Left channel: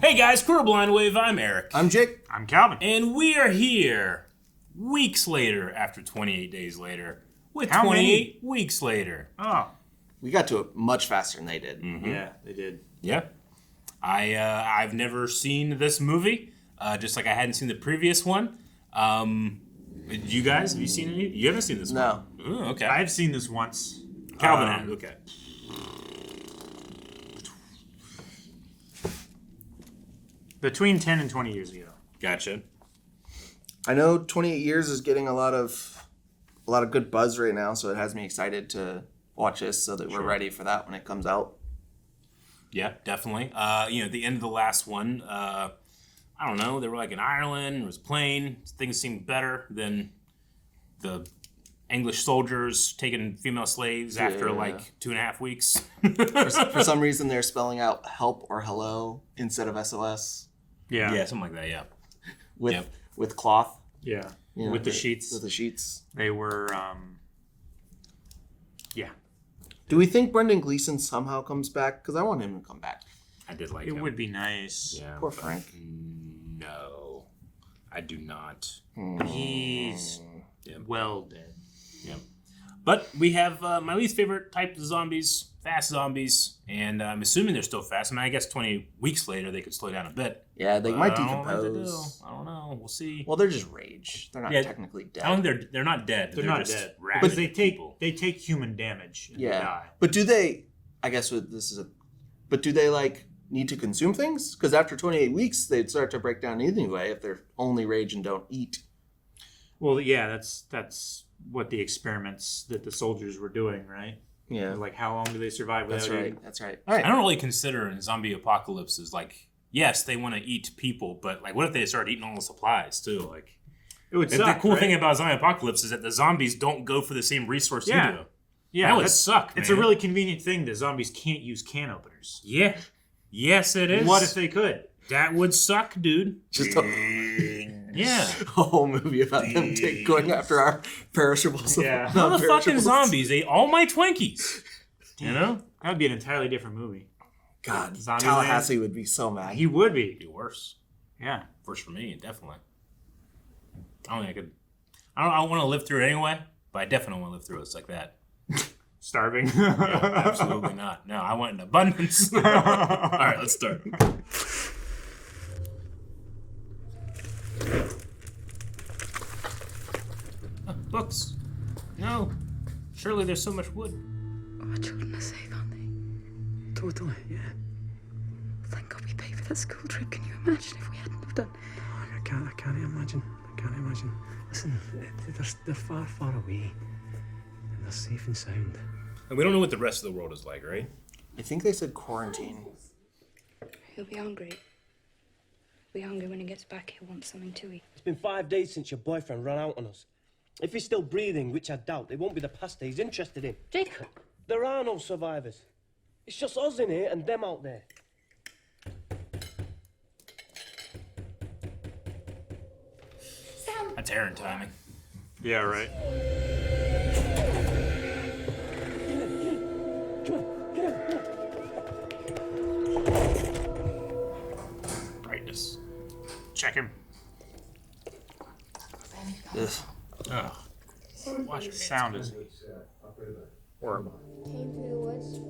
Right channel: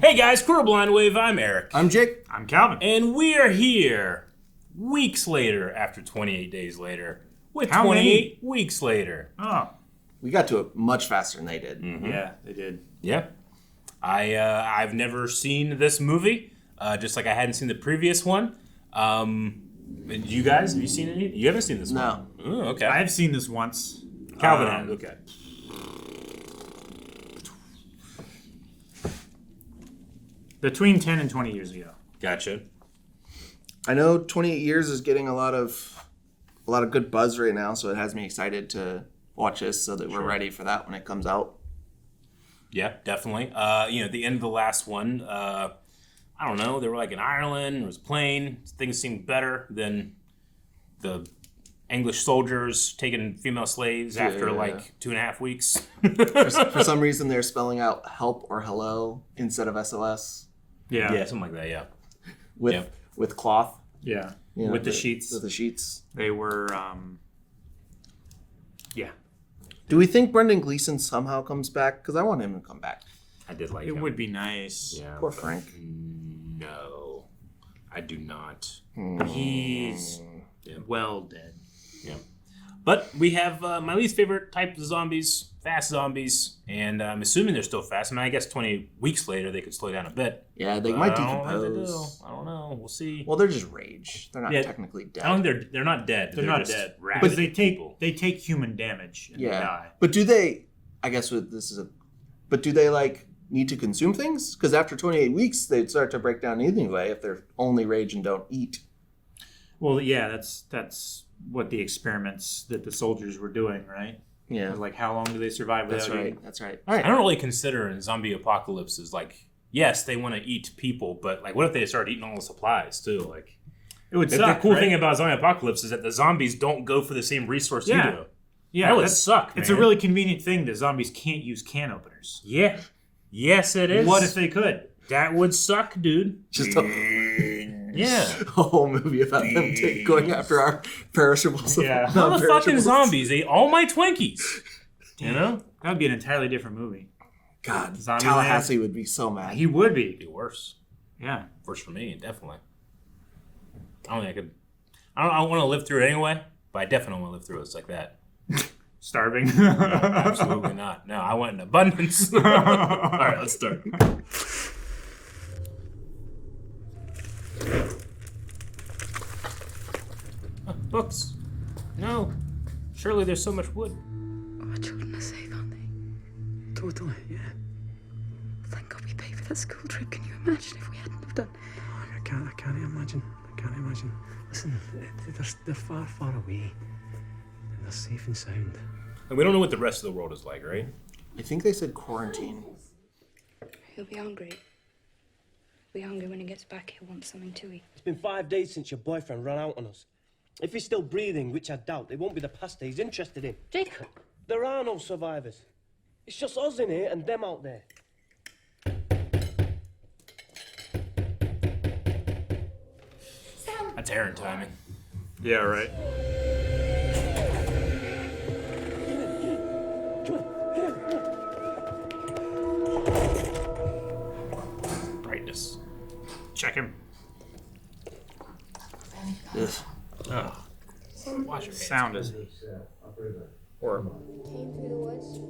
Hey guys, Crew Blind Wave, I'm Eric. I'm Jake. I'm Calvin. And we are here weeks later after 28 days later with How 28 many? weeks later. Oh, We got to it much faster than they did. yeah, they did. Yeah. I've never seen this movie, just like I hadn't seen the previous one. You guys, have you seen any? You haven't seen this one? No. Oh, okay. I've seen this once. Calvin has, okay. Between 10 and 20 years ago. Gotcha. I know 28 Years is getting a lot of good buzz right now, so it has me excited to watch this so that we're ready for that when it comes out. Yeah, definitely. At the end of the last one, I don't know, they were like in Ireland, there was a plane, things seemed better than the English soldiers taking female slaves after like 2.5 weeks. For some reason, they're spelling out help or hello instead of SLS Yeah. Yeah, something like that, yeah. with cloth. Yeah. You know, With the sheets. With the sheets. They were, yeah. Do we think Brendan Gleeson somehow comes back? Because I want him to come back. I did like It him. would be nice. Yeah, Poor but Frank. No, I do not. He's well dead. Yeah. But we have my least favorite type of zombies, fast zombies, and I'm assuming they're still fast. I mean, I guess 20 weeks later they could slow down a bit. Yeah, they But might I don't know what to decompose. do. I don't know. We'll see. Well, they're just rage. They're not Yeah, technically dead. I don't think they're not dead. They're not just dead. rabid But people. they take human damage and they die. But do they? I guess But do they need to consume things? Because after 28 weeks, they'd start to break down anyway if they're only rage and don't eat. Well, yeah, that's what the experiments that the soldiers were doing, right? Yeah, Like, how long do they survive without that's right. eating? That's right. All right. I don't really consider in zombie apocalypses yes, they want to eat people, but what if they start eating all the supplies too? It would The suck, cool right? thing about zombie apocalypse is that the zombies don't go for the same resource you do. Yeah, That would suck, It's man. a really convenient thing that zombies can't use can openers. Yeah. Yes, it is. What if they could? That would suck, dude. Just a Yeah. whole movie about them going after our perishables. Yeah. Motherfucking zombies ate all my Twinkies. You know? That would be an entirely different movie. God, Zombie Tallahassee would be so mad. He would be. It'd be worse. Yeah. Worse for me, definitely. I don't think I could. I don't want to live through it anyway, but I definitely don't want to live through it like that. Starving. Yeah, absolutely not. No, I want an abundance. All right, let's start. Books. No. Surely there's so much wood. Our children are safe, aren't they? Totally, yeah. Thank God we paid for that school trip. Can you imagine if we hadn't have done? I can't imagine. Listen, they're far, far away. And they're safe and sound. And we don't know what the rest of the world is like, right? I think they said quarantine. He'll be hungry. He'll be hungry when he gets back. He'll want something to eat. It's been 5 days since your boyfriend ran out on us. If he's still breathing, which I doubt, it won't be the pasta he's interested in. Jacob! There are no survivors. It's just us in here and them out there. Sam! That's Aaron timing. Yeah, right. Brightness. Check him. Ugh. Oh. Wash your hands. Sound is horrible. Came through the woods.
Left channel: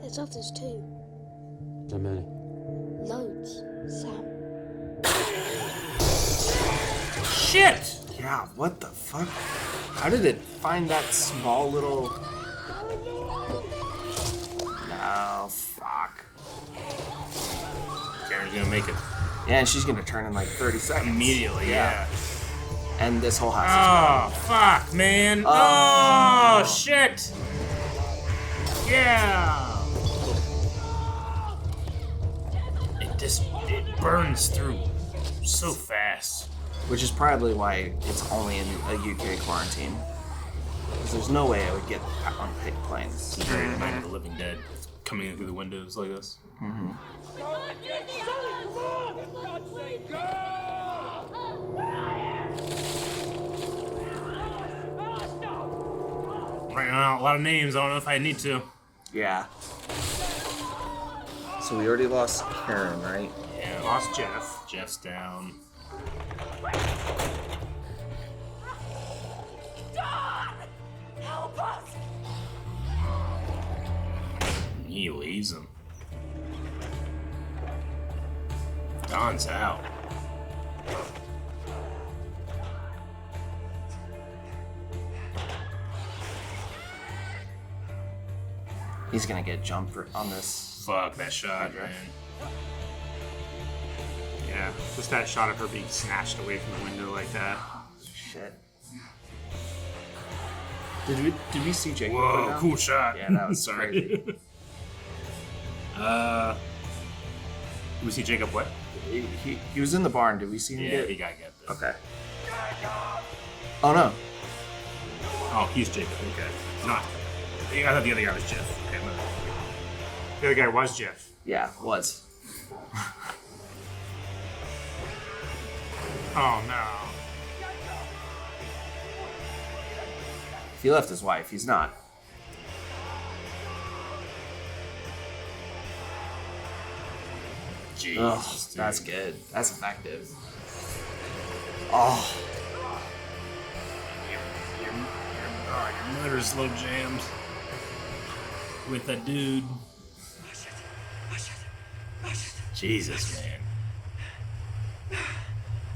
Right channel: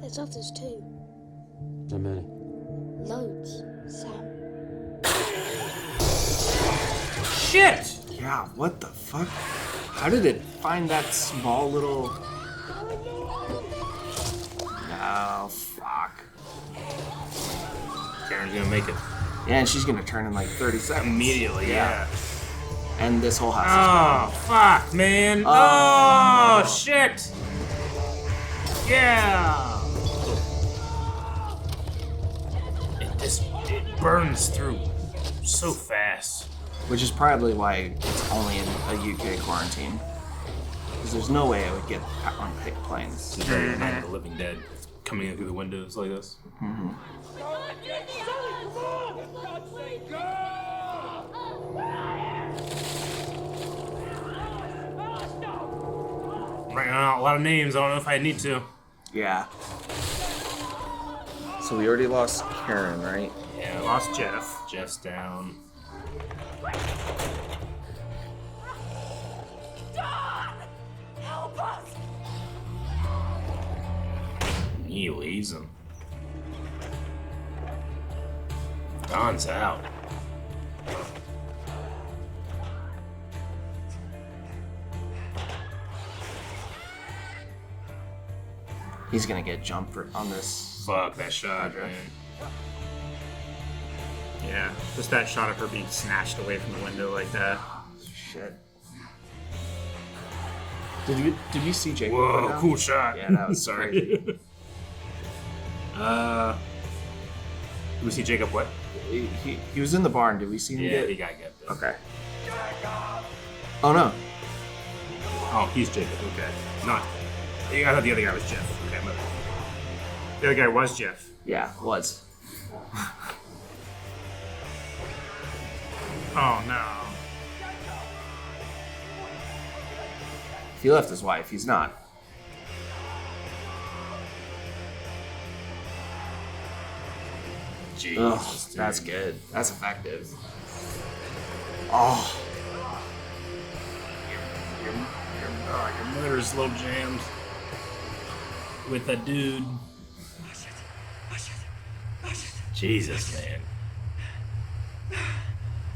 There's others too. How many? Loads. Sam. Shit! Yeah, what the fuck? How did it find that small little... No, fuck. Aaron's gonna make it. Yeah, and she's gonna turn in 30 seconds. Immediately, yeah. And this whole house. Oh, fuck, man. Oh, shit. Yeah. It burns through so fast. Which is probably why it's only in a UK quarantine. Because there's no way I would get on big planes. You better than the living dead coming in through the windows like this. Mm-hmm. Writing out a lot of names. I don't know if I need to. Yeah. So we already lost Karen, right? Yeah, Lost Jeff. Jeff's down. Help us! He leaves him. Don's out. He's gonna get jumped on this. Fuck that shot, man. Yeah, just that shot of her being snatched away from the window like that. Shit. Did you see Jacob? Whoa, go down? cool shot. Yeah, that was crazy. We see Jacob what? He was in the barn. Did we see him Yeah, get? he got get there. Okay. Oh no. Oh, he's Jacob. Okay. Not. Yeah, I thought the other guy was Jeff. Okay, The other guy was Jeff. Yeah, was. Oh no. He left his wife. He's not. Ugh, Jesus, dude. that's good. That's effective. Oh. The motor slow jams with that dude. Jesus, man.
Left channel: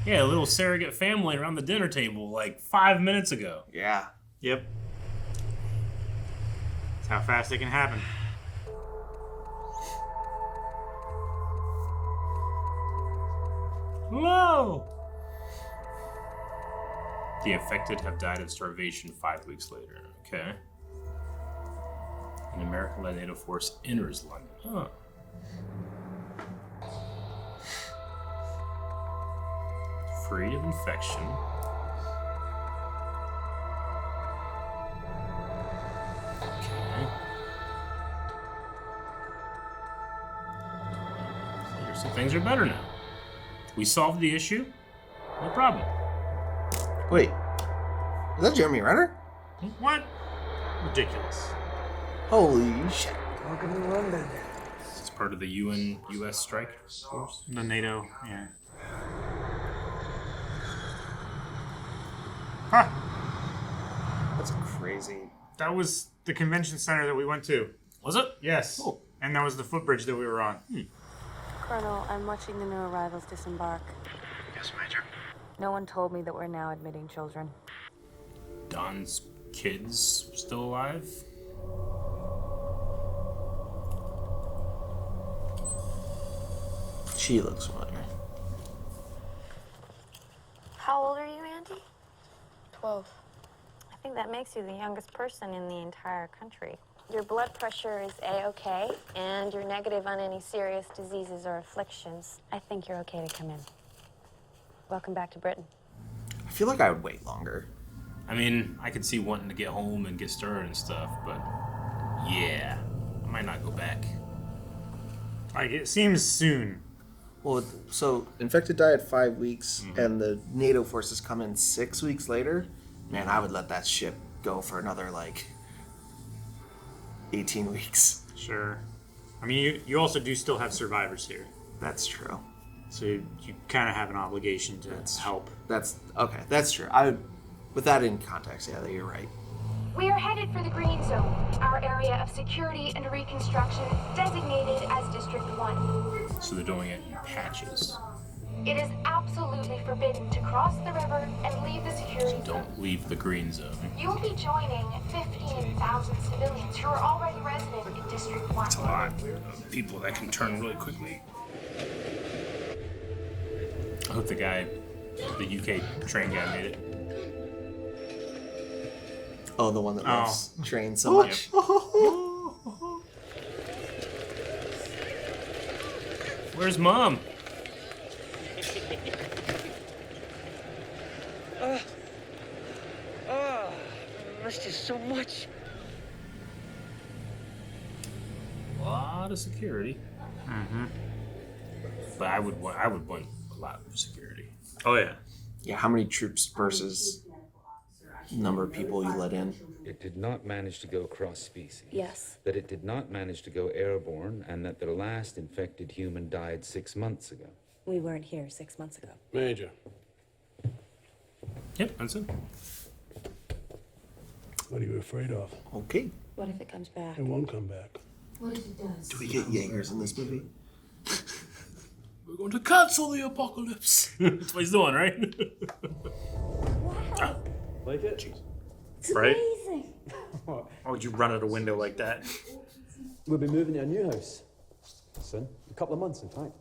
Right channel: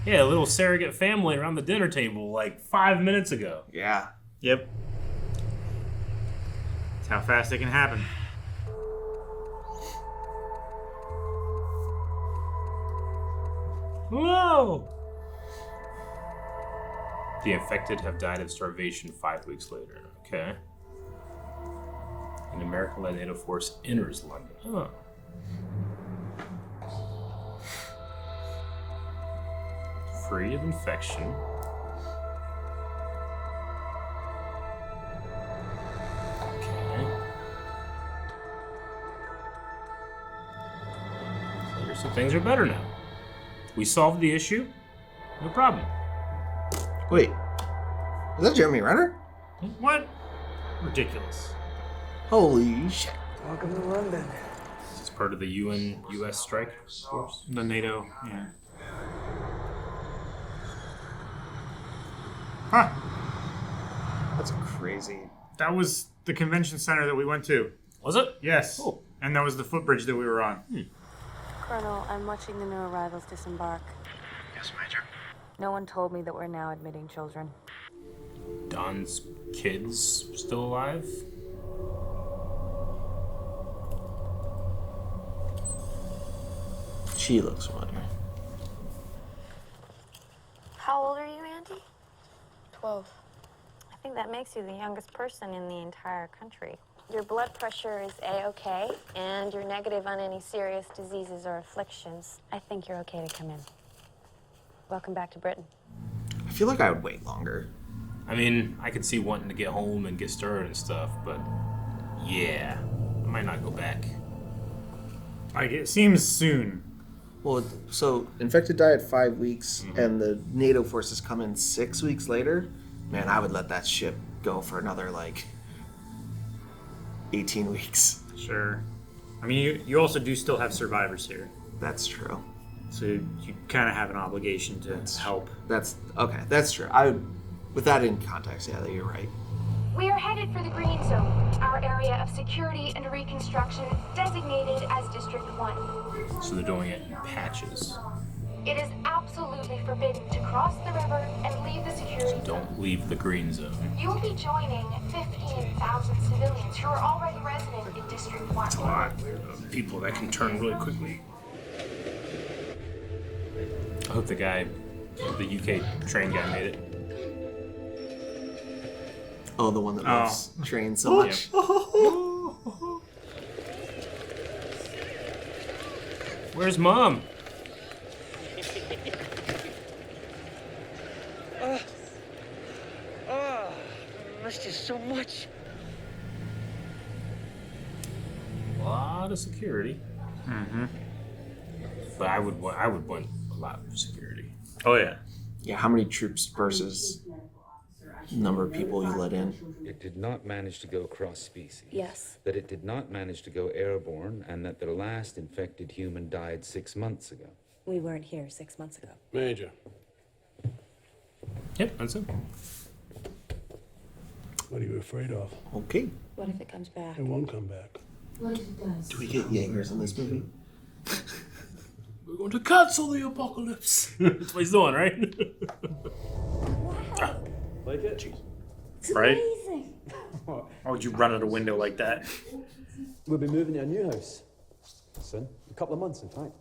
Yeah, a little surrogate family around the dinner table like 5 minutes ago. Yeah. Yep. That's how fast it can happen. Whoa! The infected have died of starvation 5 weeks later. Okay. An American-led NATO force enters London. Oh. Free of infection. Okay. So things are better now. We solved the issue. No problem. Wait. Is that Jeremy Renner? What? Ridiculous. Holy shit. Welcome to London. Is this part of the U.S. strike force? The NATO, yeah. Huh. That's crazy. That was the convention center that we went to. Was it? Yes. Cool. And that was the footbridge that we were on. Colonel, I'm watching the new arrivals disembark. Yes, Major. No one told me that we're now admitting children. Don's kids still alive? She looks familiar. How old are you, Auntie? 12. I think that makes you the youngest person in the entire country. Your blood pressure is A-OK, and you're negative on any serious diseases or afflictions. I think you're okay to come in. Welcome back to Britain. I feel like I would wait longer. I mean, I could see wanting to get home and get started and stuff, but yeah, I might not go back. Like, it seems soon. Well, so infected die at 5 weeks, and the NATO forces come in 6 weeks later. Man, I would let that ship go for another 18 weeks. Sure. I mean, you also do still have survivors here. That's true. So you kind of have an obligation to help. That's okay. That's true. I would, with that in context, yeah, you're right. We are headed for the Green Zone, our area of security and reconstruction designated as District 1. So they're doing it in patches. It is absolutely forbidden to cross the river and leave the security zone. Don't leave the green zone. You will be joining 15,000 civilians who are already resident in District 1. A lot of people that can turn really quickly. I hope the UK train guy made it. Oh, the one that loves trains so much. Where's Mom? I missed you so much. A lot of security. But I would want a lot of security. Oh, yeah. Yeah, how many troops versus number of people you let in. It did not manage to go cross species. Yes. That it did not manage to go airborne, and that their last infected human died 6 months ago. We weren't here 6 months ago. Major. Yep, that's it. What are you afraid of? Okay. What if it comes back? It won't come back. What if it does? Do we get Jaegers in this movie? We're going to cancel the apocalypse. That's what he's doing, right? Wow. Like it? It's Right. amazing. Why would you run out a window like that? We'll be moving to a new house soon. A couple of months, in fact.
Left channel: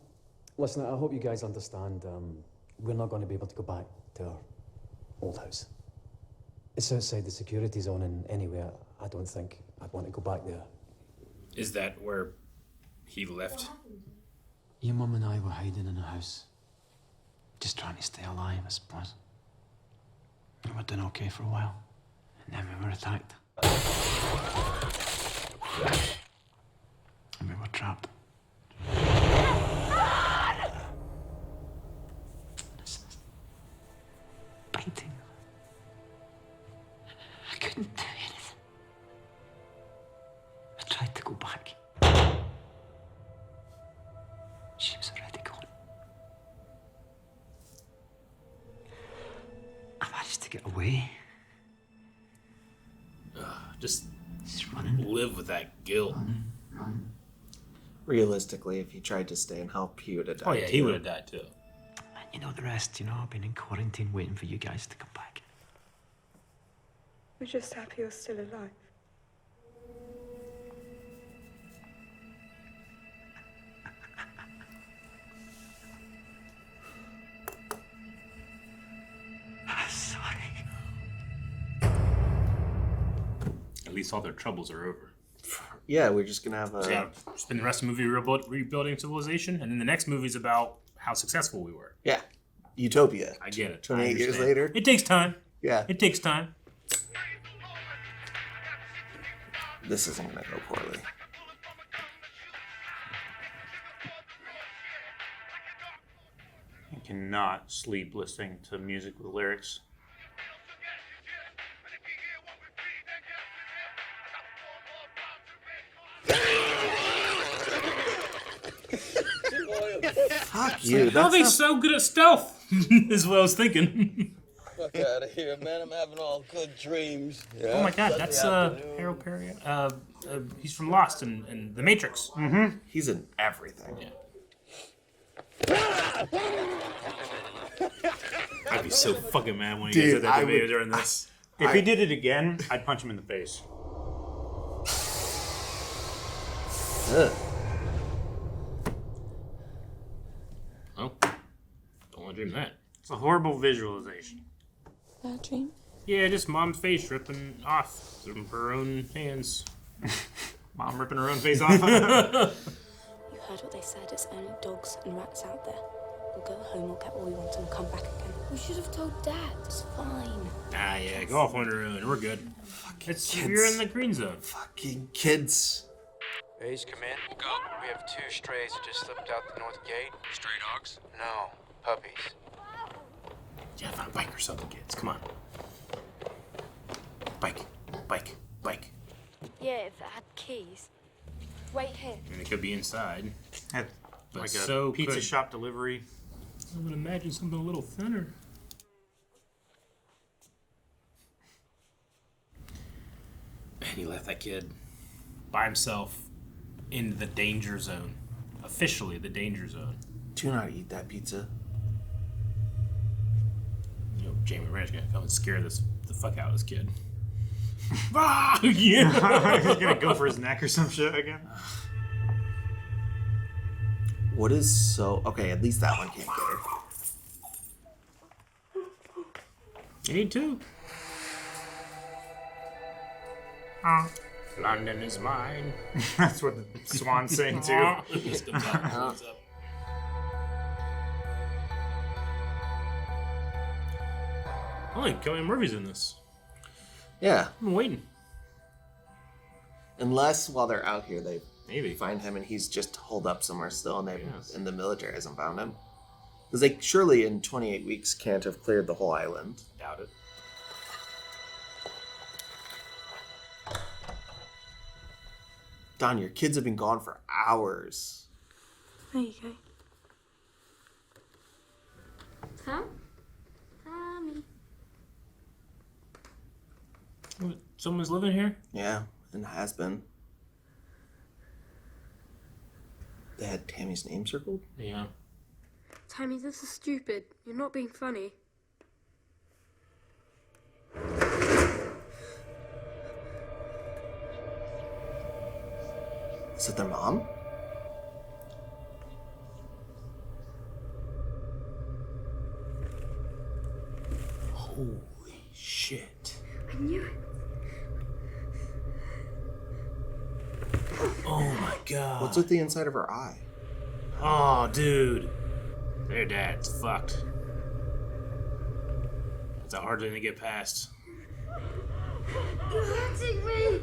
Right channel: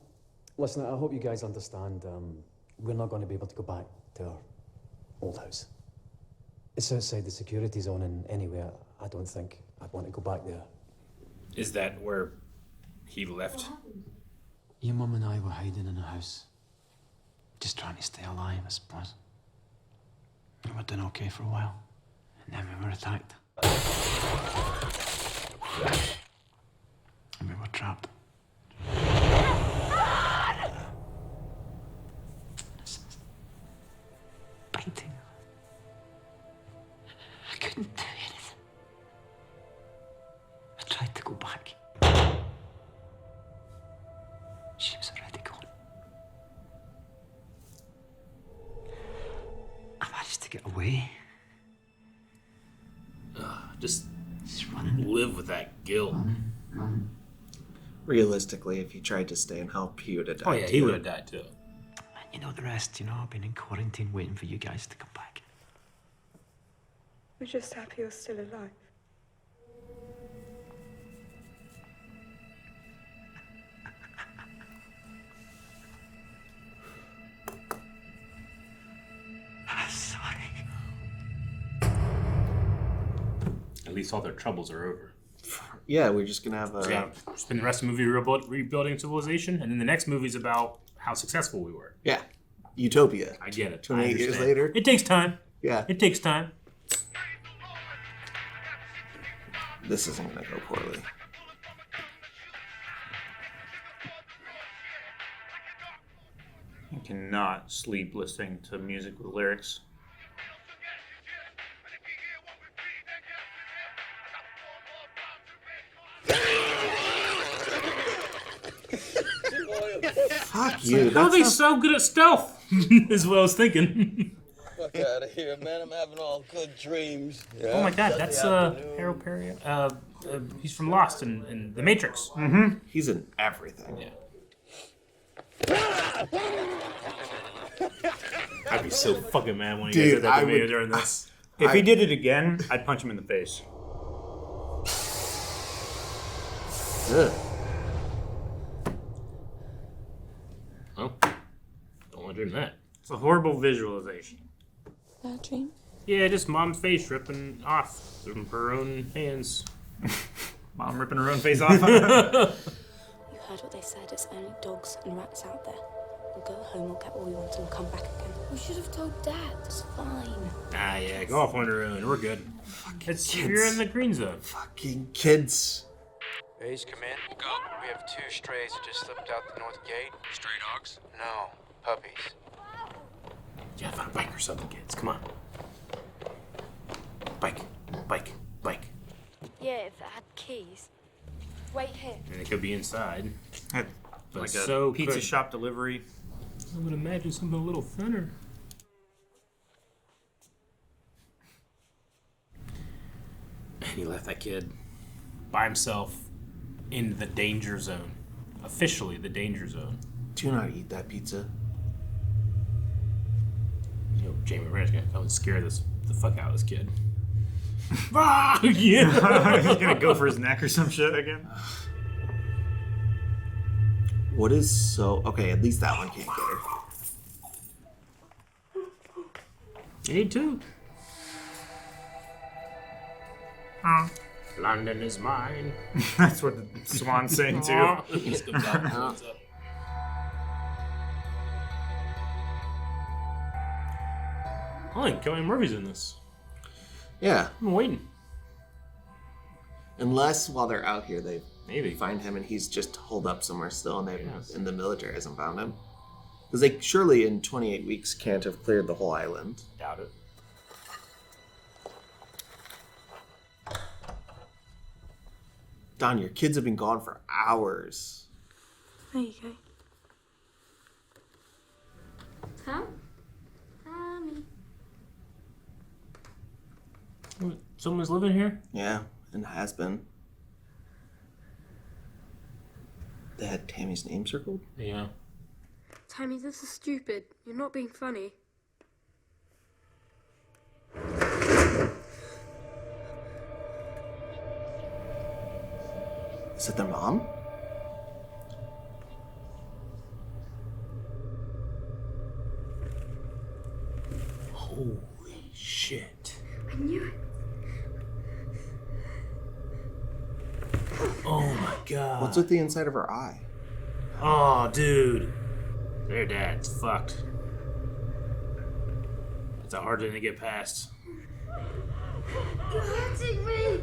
Listen, I hope you guys understand, we're not going to be able to go back to our old house. It's outside the security zone, and anyway, I don't think I'd want to go back there. Is that where he left? Your mum and I were hiding in a house. Just trying to stay alive, I suppose. We were doing okay for a while, and then we were attacked. And we were trapped. Biting. I couldn't do anything. I tried to go back. She was already gone. I managed to get away. Just running. live with that guilt. Realistically, if he tried to stay and help, he would have died. Oh yeah, he would have died too. And you know the rest, I've been in quarantine waiting for you guys to come back. We're just happy you're still alive. I'm sorry. At least all their troubles are over. Yeah, we're just gonna have a. So, yeah, spend the rest of the movie rebuilding civilization, and then the next movie's about how successful we were. Yeah, Utopia. I get it. 28 years understand. later. It takes time. Yeah, It takes time. this isn't gonna go poorly. You cannot sleep listening to music with lyrics. Fuck you. How are That's they not- so good at stealth? Is what I was thinking. Fuck out of here, man. I'm having all good dreams. Yeah. Oh my god, that's Harold Perry. He's from Lost and The Matrix. Mm-hmm. He's in everything. I'd be so fucking mad when he Dude, did that I to me would- during this. If he did it again, I'd punch him in the face. Ugh. Oh, don't want to do that. It's a horrible visualization. Bad dream? Yeah, just mom's face ripping off from her own hands. Mom ripping her own face off. You heard what they said. It's only dogs and rats out there. We'll go home, we'll get what we want, and come back again. We should have told Dad. It's fine. Ah, yeah, go off on your own. We're good. Kids. You're in the green zone. Fucking kids. A's come in. Go. We have 2 strays that just slipped out the north gate. Stray dogs? No, puppies. Yeah, find a bike or something, kids. Come on. Bike. Yeah, if it had keys. Wait here. And it could be inside. But Like a so pizza could... shop delivery. I would imagine something a little thinner. And he left that kid by himself in the danger zone. Officially, the danger zone. Do not eat that pizza. You know, Jamie Rand's gonna come and scare the fuck out of this kid. Ah, yeah. He's gonna go for his neck or some shit again. What is so... Okay, at least that one can't get her. Me too. London is mine. That's what the swan's saying too. He just comes out and comes up. I think Kelly Murphy's in this. Yeah. I'm waiting. Unless while they're out here, they Maybe. find him and he's just holed up somewhere still and, Yes. and the military hasn't found him. Because they surely in 28 weeks can't have cleared the whole island. Doubt it. Don, your kids have been gone for hours. There you go. Tom? Tommy. What, someone's living here? Yeah, and has been. They had Tammy's name circled? Yeah. Tammy, this is stupid. You're not being funny. Is it their mom? Holy shit. I knew it. Oh my god. What's with the inside of her eye? Oh, dude. Their dad's fucked. It's a hard thing to get past. You're hurting me!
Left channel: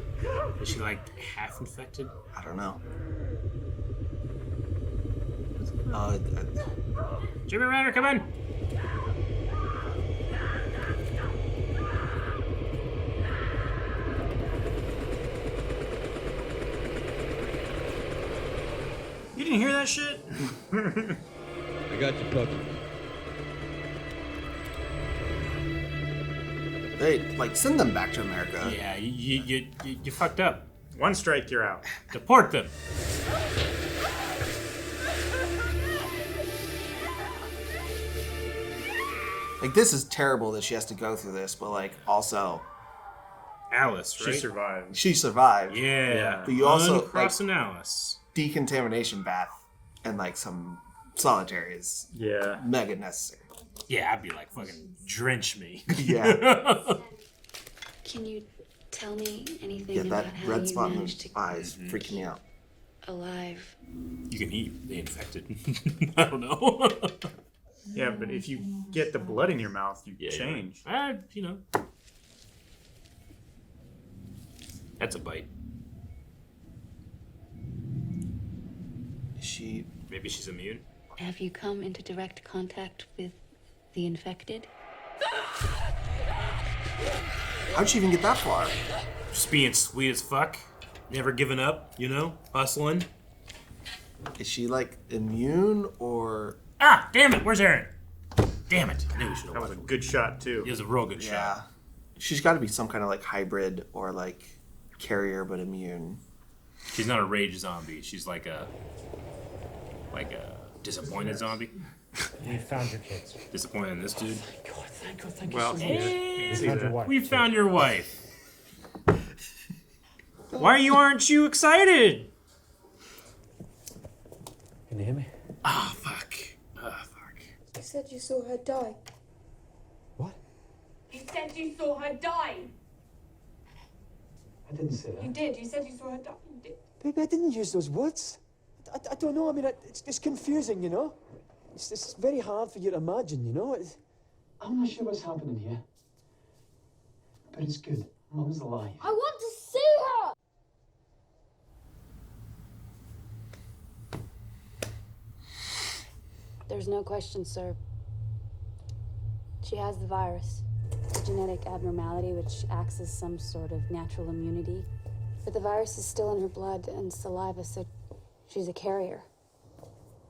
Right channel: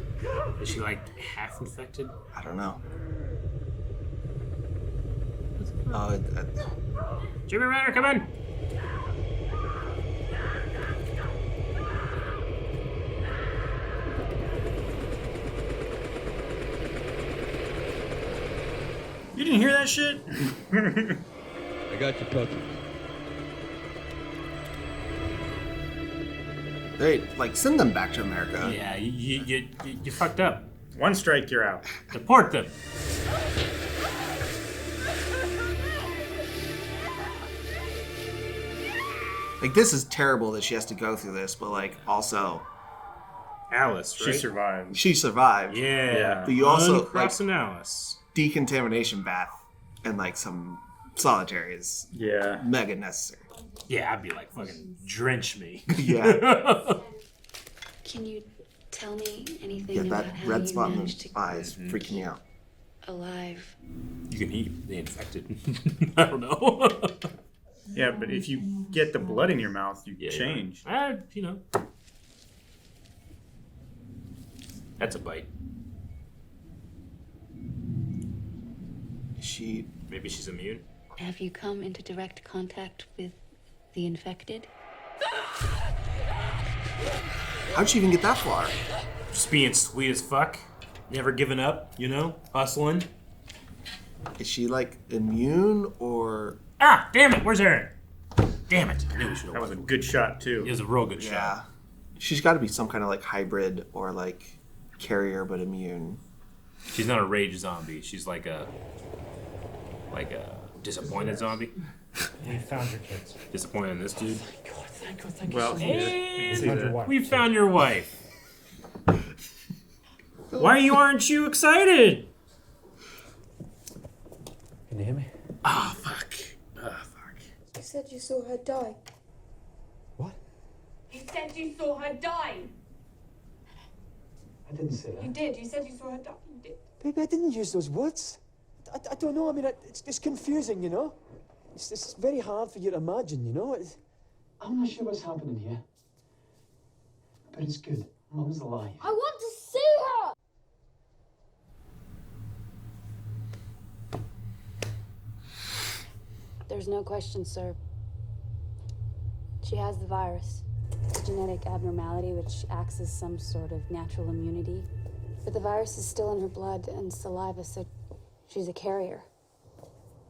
Is she like half infected? I don't know. Jimmy Ryder, come in! You didn't hear that shit? I got your puppy. They, like, send them back to America. Yeah, you fucked up. One strike, you're out. Deport them. Like, this is terrible that she has to go through this, but, like, also... Alice, right? She survived. She survived. Yeah. But you also... Uncrossing Alice. Decontamination bath and, like, some solitary is mega necessary. Yeah, I'd be like, fucking drench me. Yeah. Can you tell me anything Yeah, about that how red you spot in managed the to eye is freaking me out. alive? You can eat the infected. I don't know. Yeah, but if you get the blood in your mouth, you change. You know. That's a bite. Maybe she's immune? Have you come into direct contact with the infected? How'd she even get that far? Just being sweet as fuck. Never giving up, you know? Hustling. Is she, like, immune or... Ah, damn it, where's Aaron? Damn it. I knew we should have That was a good shot, too. It was a real good Yeah. shot. She's got to be some kind of, like, hybrid or, like, carrier but immune. She's not a rage zombie. She's like a disappointed zombie. We found your kids. Disappointed in this dude. Thank you Well, so much. Hey, We found your wife. we found your wife. Why aren't you excited? Can you hear me? Ah, fuck. You said you saw her die. You said you saw her die. I didn't say You that. did. You said you saw her die. You did. Baby, I didn't use those words. I don't know. I mean, it's confusing, you know? It's very hard for you to imagine, you know? I'm not sure what's happening here. But it's good. Mum's alive. I want to see her. There's no question, sir. She has the virus. It's a genetic abnormality which acts as some sort of natural immunity. But the virus is still in her blood and saliva, so she's a carrier.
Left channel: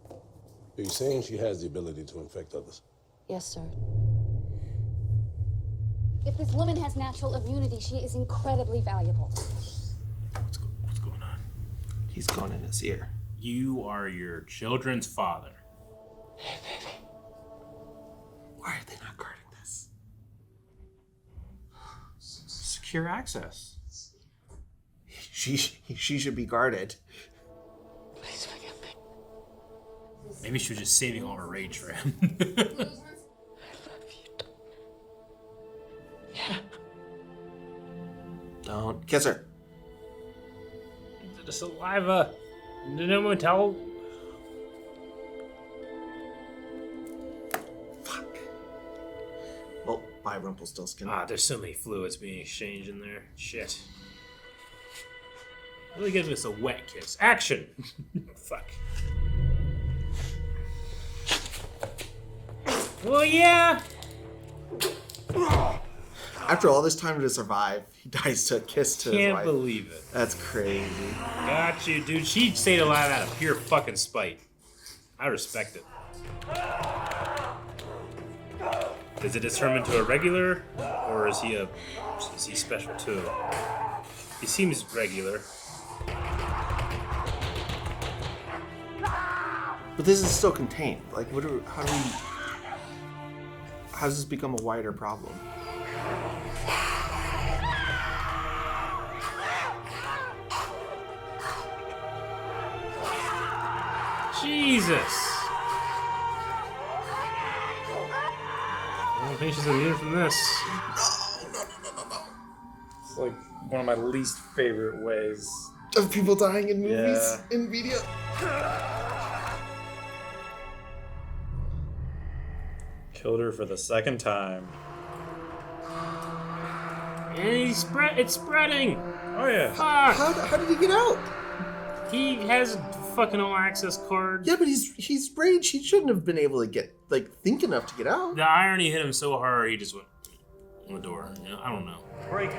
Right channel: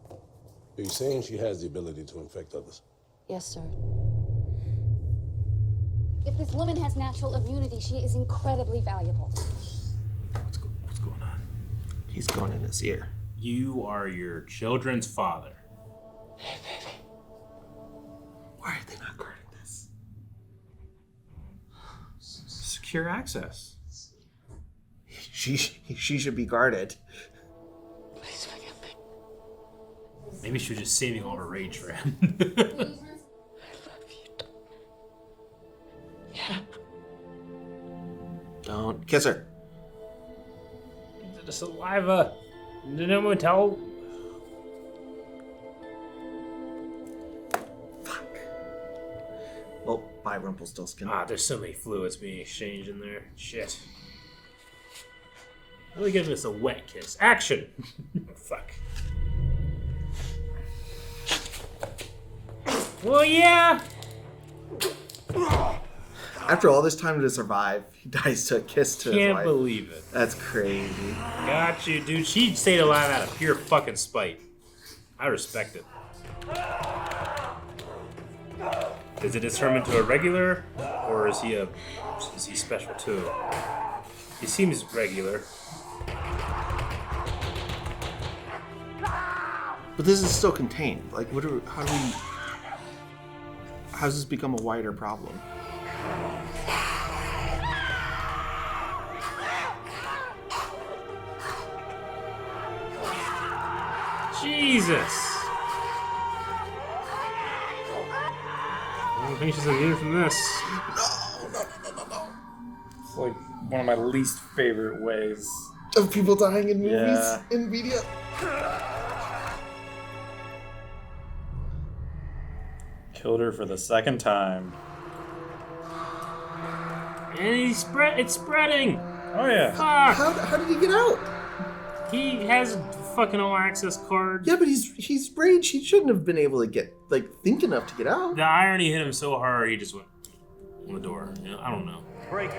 Are you saying she has the ability to infect others? Yes, sir. If this woman has natural immunity, she is incredibly valuable. What's going on? He's going in his ear. You are your children's father. Hey, baby. Why are they not guarding this? Secure access. She should be guarded. Please forgive me. Maybe she was just saving all her rage for him. Yeah. Don't kiss her. The saliva. No one tell. Well, bye, Rumpelstiltskin. Ah, there's so many fluids being exchanged in there. Shit. Let me give this a wet kiss. Action! Fuck. Well, yeah. After all this time to survive, he dies to a kiss to his Can't wife. believe it. That's crazy. Got you, dude. She stayed alive out of pure fucking spite. I respect it. Is it just turn him into a regular, or is he special too? He seems regular. But this is still contained. Like, how's this become a wider problem? Jesus. I don't think she's immune from this. It's like one of my least favorite ways. Of people dying in movies, Yeah. in media. Killed her for the second time. And it's spreading. Oh yeah. Fuck. How did he get out? He has a fucking all access card. Yeah, but he's rage. He shouldn't have been able to think enough to get out. The irony hit him so hard he just went on the door. You know, I don't know. Break,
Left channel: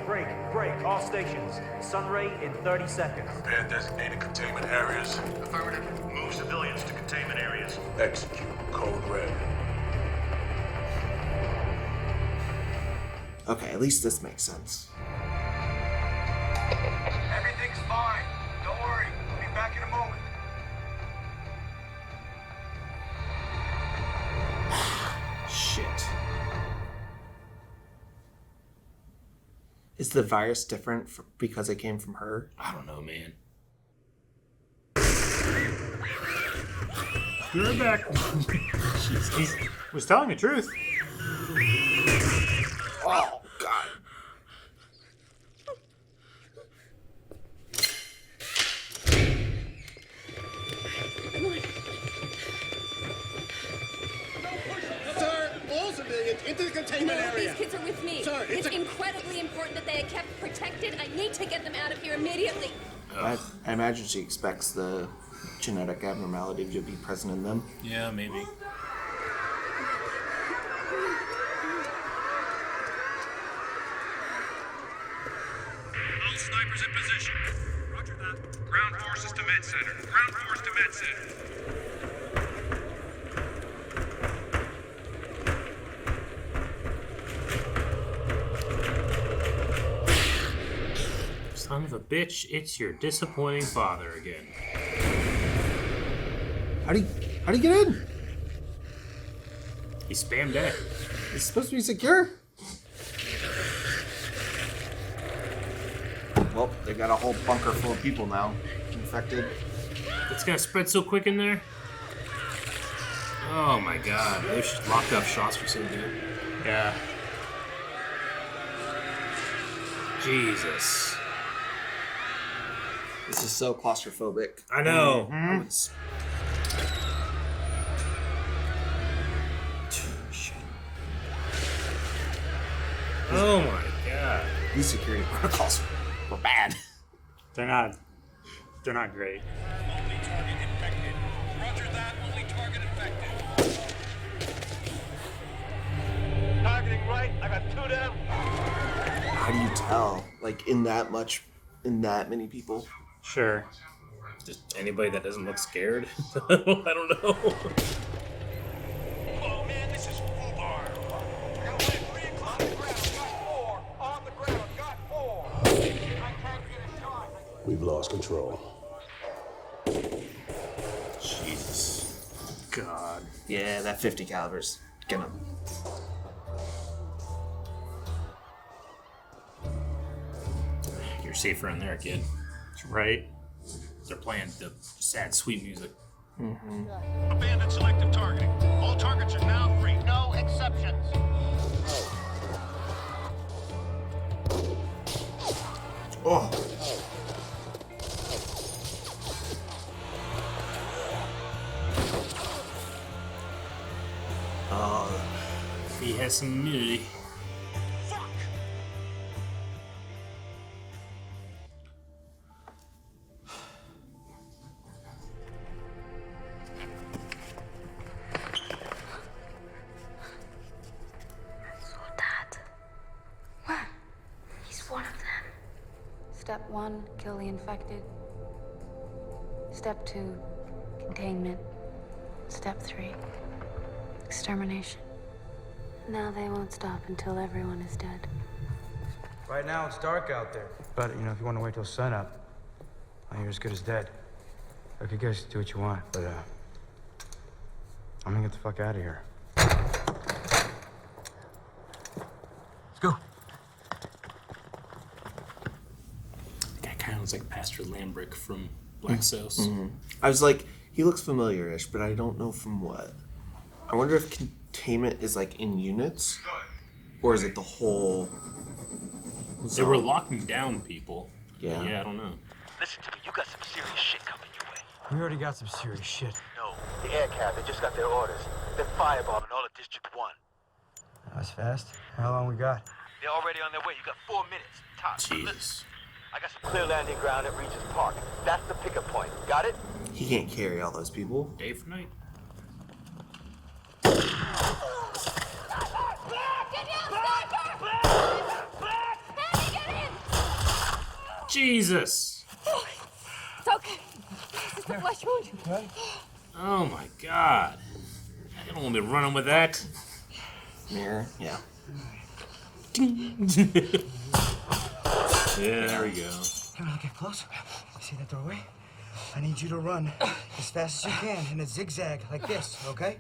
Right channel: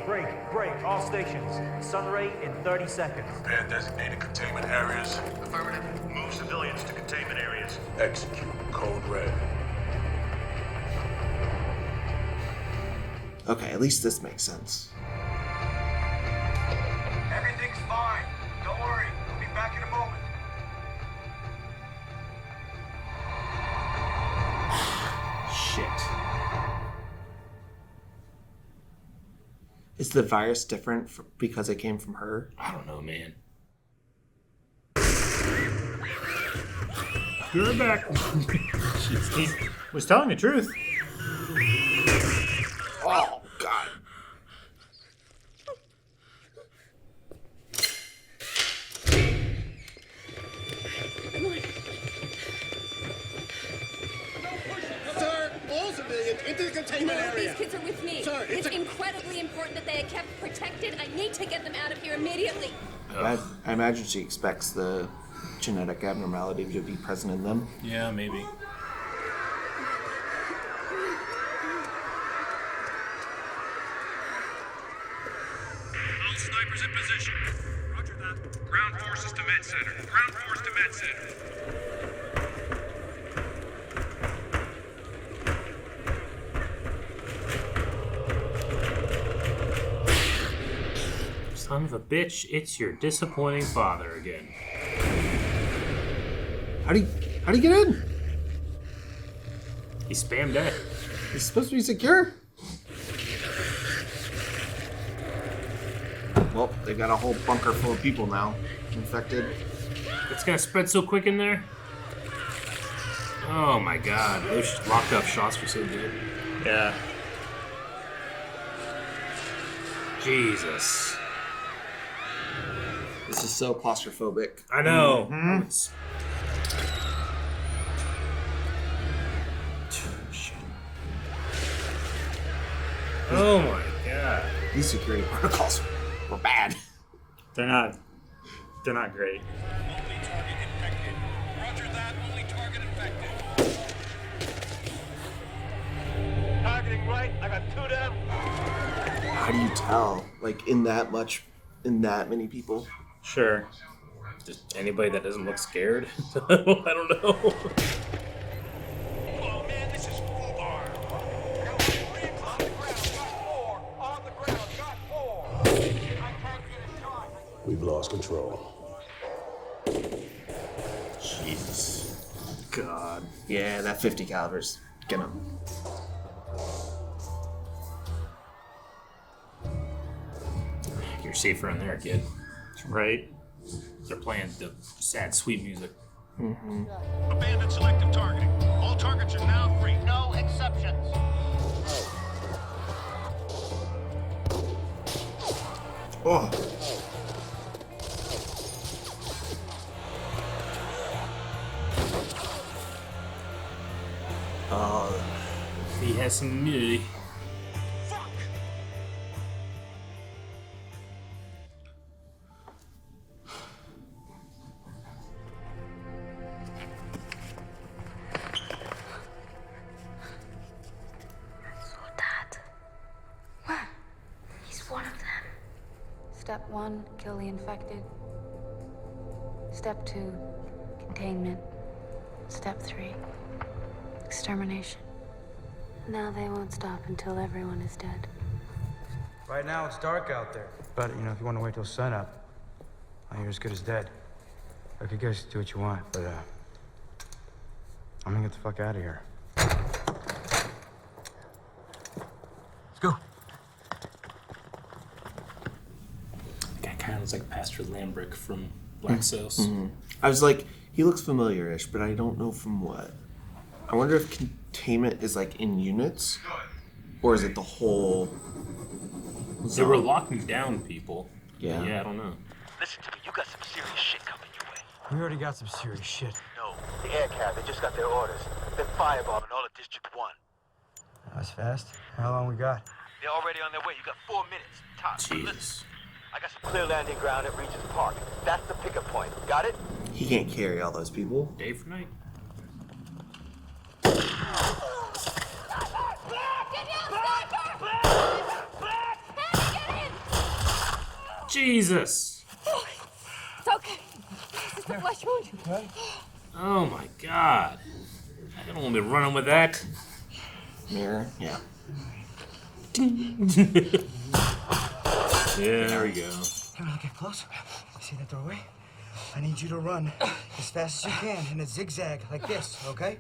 all stations. Sunray in 30 seconds. Prepare designated containment areas. Affirmative. Move civilians to containment areas. Execute. Code red. Okay, at least this makes sense. Everything's fine. Don't worry. We'll be back in a moment. Shit. Is the virus different because it came from her? I don't know, man. You're back. He was telling the truth. Oh, God. Sir, all civilians into the containment area. These kids are with me. Sir, it's incredibly important that they are kept protected. I need to get them out of here immediately. I imagine she expects the genetic abnormality to be present in them. Yeah, maybe. All snipers in position. Roger that. Ground forces to med center. Ground force to med center. Son of a bitch, it's your disappointing father again. How'd he get in? He spammed that. It's supposed to be secure. Well, they got a whole bunker full of people now infected. It's gonna spread so quick in there. Oh my god, those locked up shots were so good. Yeah. Jesus. This is so claustrophobic. I know. Oh my god. These security protocols were bad. They're not great. Only target infected. Roger that. Only target infected. Targeting right. I got 2 down. How do you tell? Like in that many people? Sure. Just anybody that doesn't look scared? I don't know. Oh man, this is foobar. Got 3 on the ground. Got 4 on the ground. Got 4. I can't get a shot. We've lost control. Jesus. God. Yeah, that 50 caliber's gonna. You're safer in there, kid. Right. They're playing the sad, sweet music. Abandoned selective targeting. All targets are now free. No exceptions. Oh. He has some immunity. Dad. Where? 1, kill the infected. Step 2, containment. Step 3, extermination. Now they won't stop until everyone is dead. Right now, it's dark out there. But, if you want to wait till sunup, you're as good as dead. Look, you guys do what you want, but, I'm gonna get the fuck out of here. Let's go. That kind of looks like Pastor Lambrick from Black Sails. Mm-hmm. I was like, he looks familiar-ish, but I don't know from what. I wonder if containment is like in units, or is it the whole? They were locking down people. Yeah. Yeah, I don't know. Listen to me, you got some serious shit coming your way. We already got some serious shit. No, the air cab, they just got their orders. They're firebombing all of District 1. That's fast. How long we got? They're already on their way. You got 4 minutes. Tops. But listen, Jeez. I got some clear landing ground at Regent's Park. That's the pickup point. Got it? He can't carry all those people. Day for night. Jesus. It's okay. It's just a flesh wound. Oh my God. I don't want to be running with that. Mirror. Yeah. There we go. Hey, wanna get close? See that doorway? I need you to run as fast as you can in a zigzag like this, okay?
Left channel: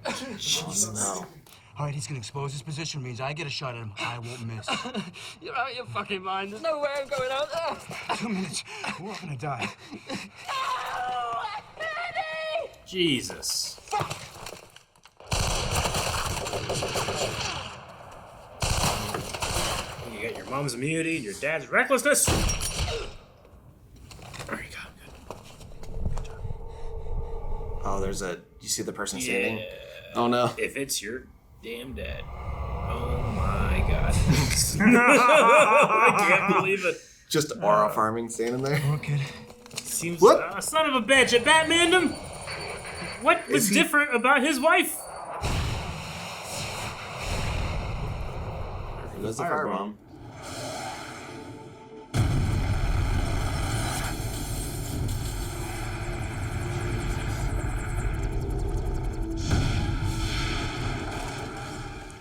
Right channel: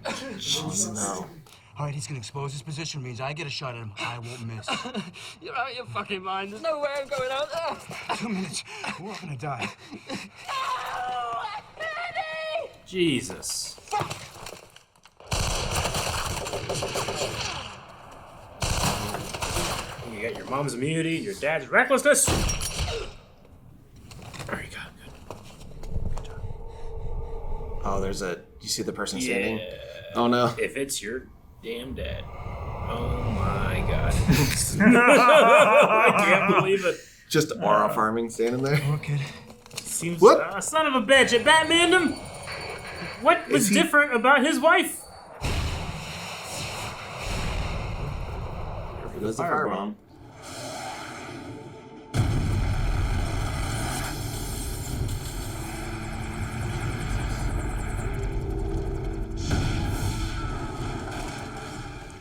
All right, he's gonna expose his position. Means I get a shot at him. I won't miss. You're out of your fucking mind. There's no way I'm going out there. 2 minutes. We're all gonna die. Jesus. You got your mom's immunity, your dad's recklessness. Oh, there's a. You see the person standing? Oh no! If it's your damn dad. Oh my God. I can't believe it. Just aura farming standing there. Okay. Seems What? Son of a bitch! It Batmaned him. What was different about his wife? It was a firebomb.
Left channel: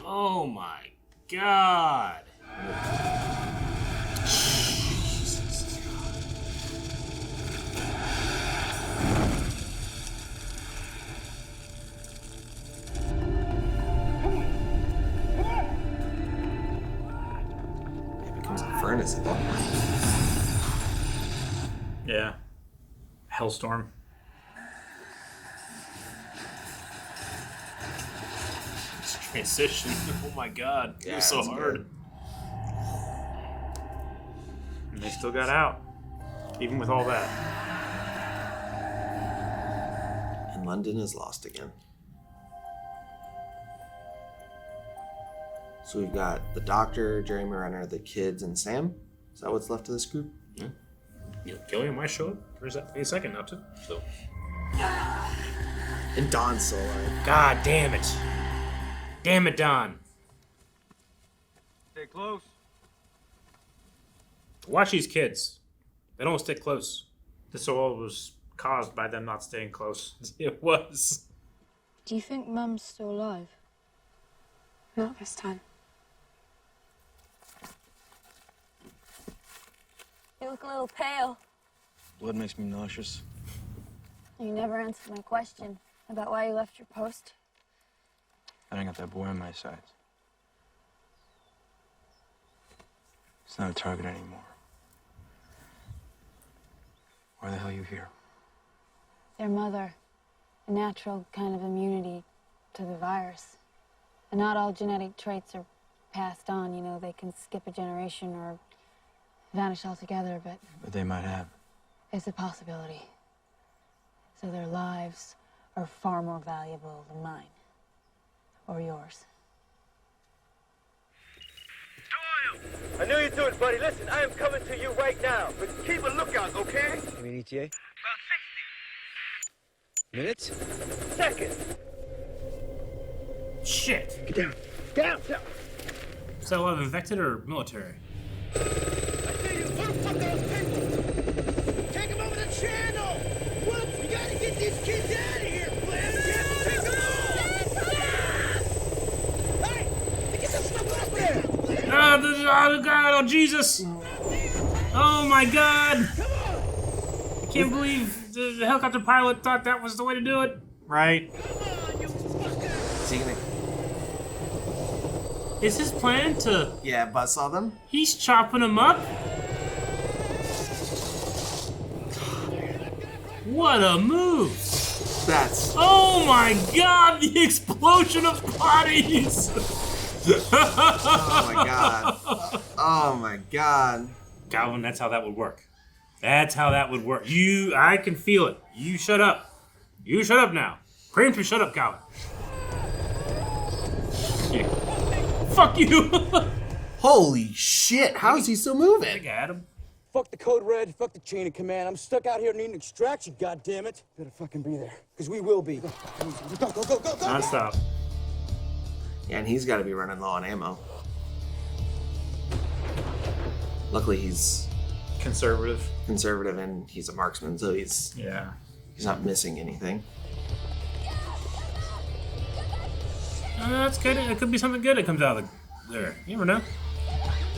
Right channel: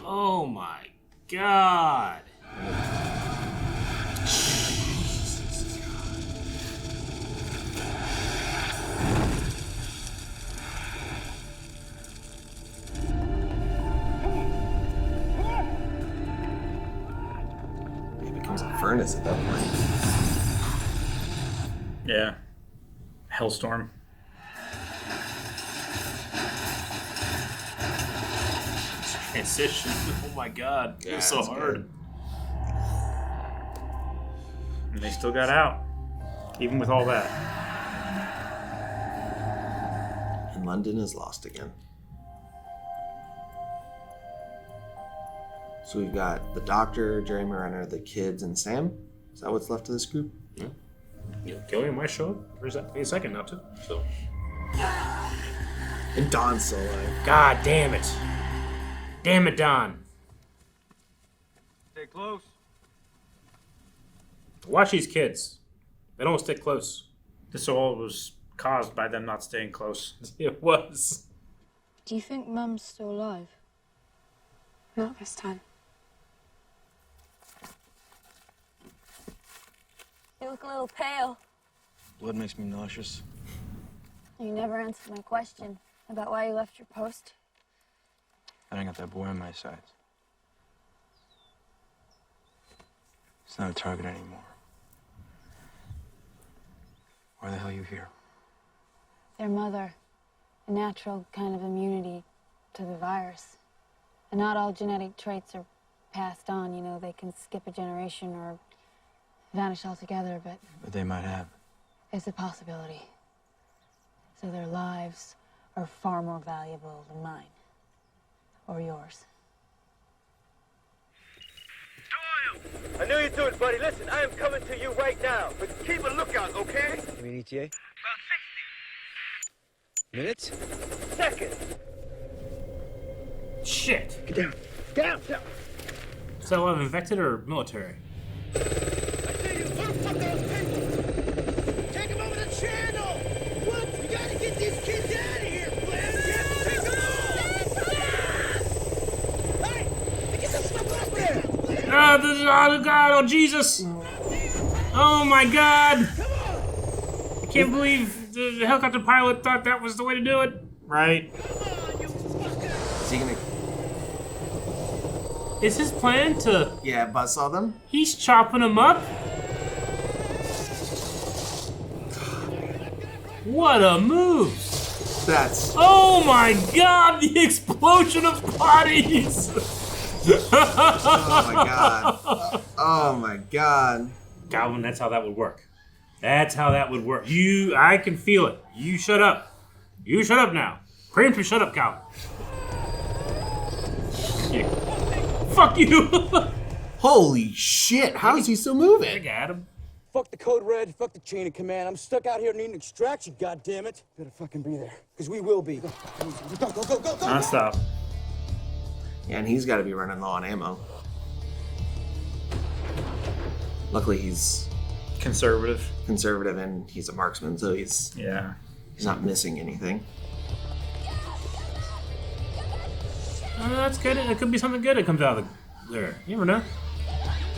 Oh my God. It becomes a furnace. Yeah. Hellstorm. Transition. Oh my God. It Yeah, was so it's hard. good. And they still got out. Even with all that. And London is lost again. So we've got the doctor, Jeremy Renner, the kids, and Sam. Is that what's left of this group? Yeah. Cillian might show up for a second now too. So. And Don Sarah. God damn it. Damn it, Don. Stay close. Watch these kids. They don't stick close. This all was caused by them not staying close. It was. Do you think Mum's still alive? Not this time. You look a little pale. Blood makes me nauseous. You never answered my question about why you left your post. I ain't got that boy on my side. It's not a target anymore. Why the hell are you here? Their mother, a natural kind of immunity to the virus. And not all genetic traits are passed on, you know, they can skip a generation or vanish altogether, but But they might have. it's a possibility. So their lives are far more valuable than mine. Or yours. I knew you'd do it, buddy. Listen, I am coming to you right now. But keep a lookout, okay? You mean ETA? About 60 minutes? seconds. Shit. Get down. Down, down. So, infected or military? I see you. Where the fuck are those people? channel! Look, we gotta get these kids out of here! Glenn, take them all! Hey! Get the fuck up there! Oh God! Oh Jesus! Oh my God! I can't believe the helicopter pilot thought that was the way to do it. Right. Is he gonna? Is his plan to? Yeah, buzzsaw them. He's chopping them up. What a move! That's. Oh my God! The explosion of bodies! Oh my God! Oh my God! Calvin, that's how that would work. That's how that would work. I can feel it. You shut up. You shut up now. Krampus, shut up, Calvin. Yeah. Fuck you! Holy shit! How is he still moving? I got him. Fuck the code red, fuck the chain of command. I'm stuck out here needing extraction, goddammit. Better fucking be there, because we will be. Go, go, go, go, go, go! Non-stop. Yeah, and he's got to be running low on ammo. Luckily, he's conservative, and he's a marksman, so he's not missing anything. That's good. It could be something good that comes out of there. You never know.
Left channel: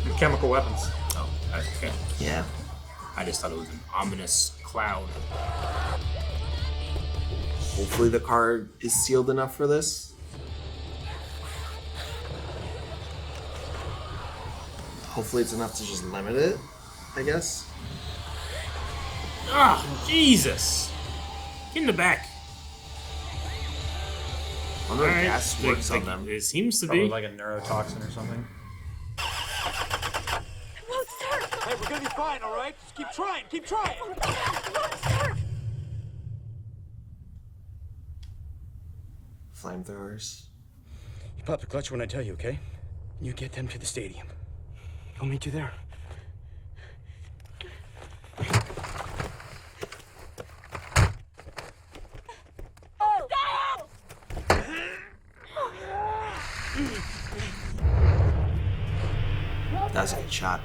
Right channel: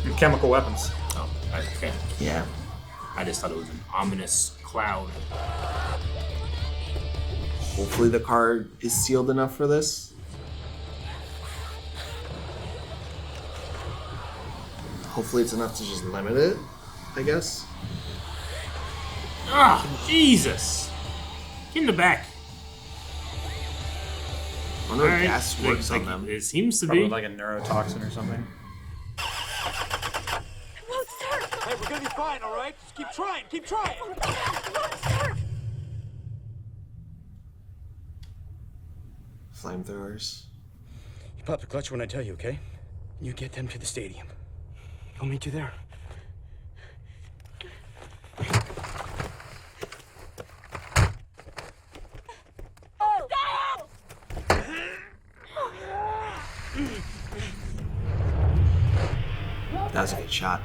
The chemical weapons. Oh, okay. Yeah. I just thought it was an ominous cloud. Hopefully the car is sealed enough for this. Hopefully it's enough to just limit it, I guess. Oh, Jesus! Get in the back. I wonder if gas works on them. It seems to Probably be. like a neurotoxin or something. Won't start. Hey, we're gonna be fine, all right? Just keep trying, keep trying. Won't start. Flamethrowers. You pop the clutch when I tell you, okay? You get them to the stadium. I'll meet you there. That was a good shot.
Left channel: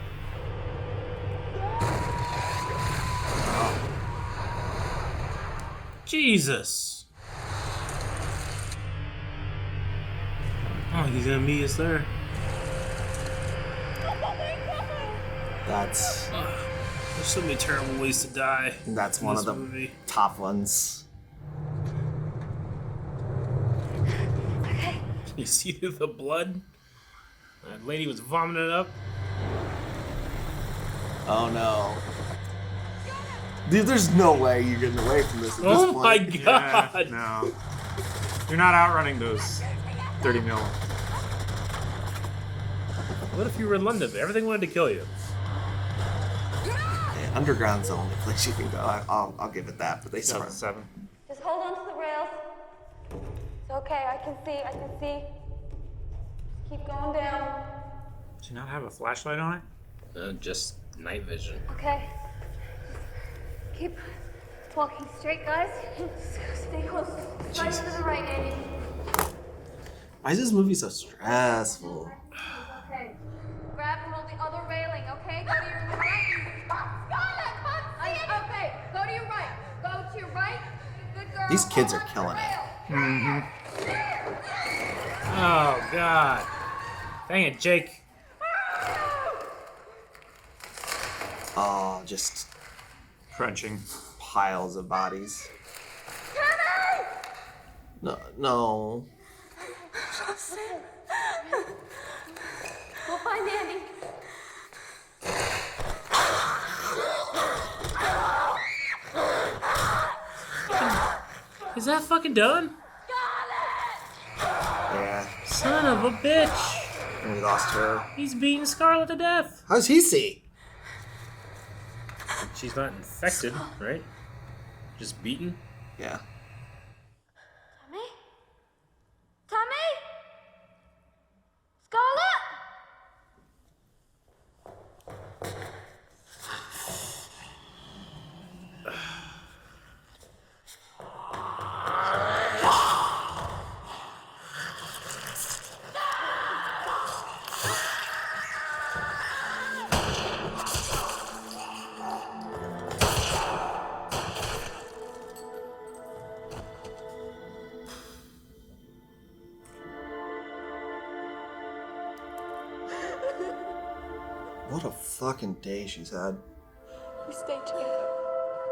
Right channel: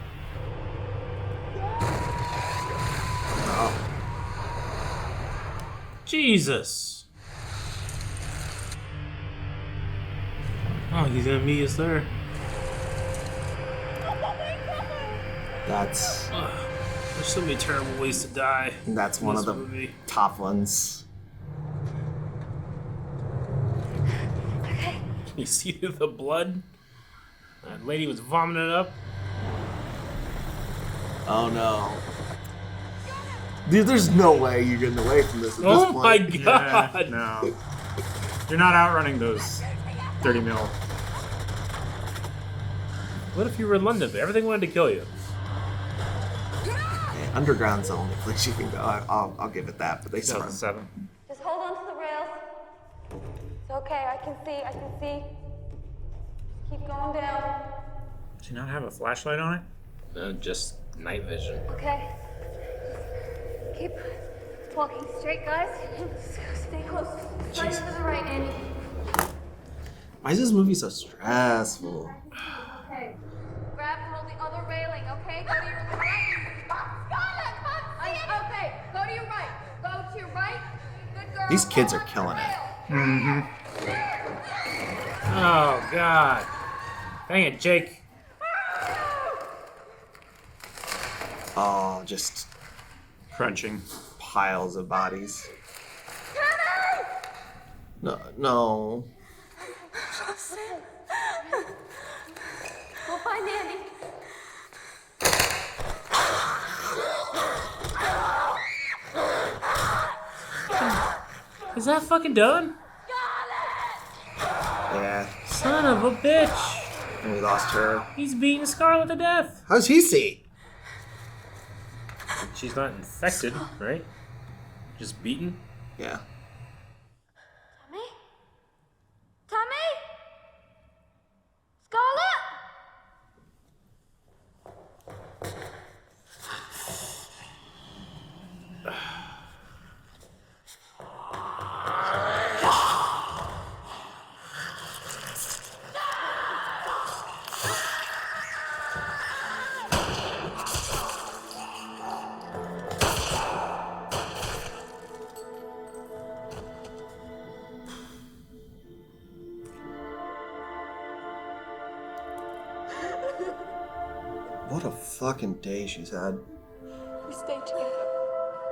Jesus! Oh, he's gonna meet us there. That's There's so many terrible ways to die. that's in one this of the movie. top ones. You see the blood? That lady was vomiting it up. Oh no. Dude, there's no way you're getting away from this at Oh this my point. God! No. You're not outrunning those 30 mil. What if you were in London? Everything wanted to kill you. Yeah, underground's the only place you can go. I'll give it that, but they sprung. 7. Just hold on to the rails. It's okay, I can see. Just keep going down. Does he not have a flashlight on it? No, just night vision. Okay. Just keep walking straight, guys. Just stay close. Slide to the right, Andy. Why is this movie so stressful? Okay. Grab and hold the other railing, okay? Go to your right. Scarlett, come see it. Okay, go to your right. Go to your right. Good girl. These kids are killing it. Oh God! Dang it, Jake. Oh, just crunching piles of bodies. Tommy! No. We'll find Andy. Is that fucking done? Yeah. Son of a bitch! And we lost her. He's beating Scarlet to death. How's he see? She's not infected, right? Just beaten. Yeah. Tommy? Tommy? Scarlett? What a fucking day she's had. We stay together.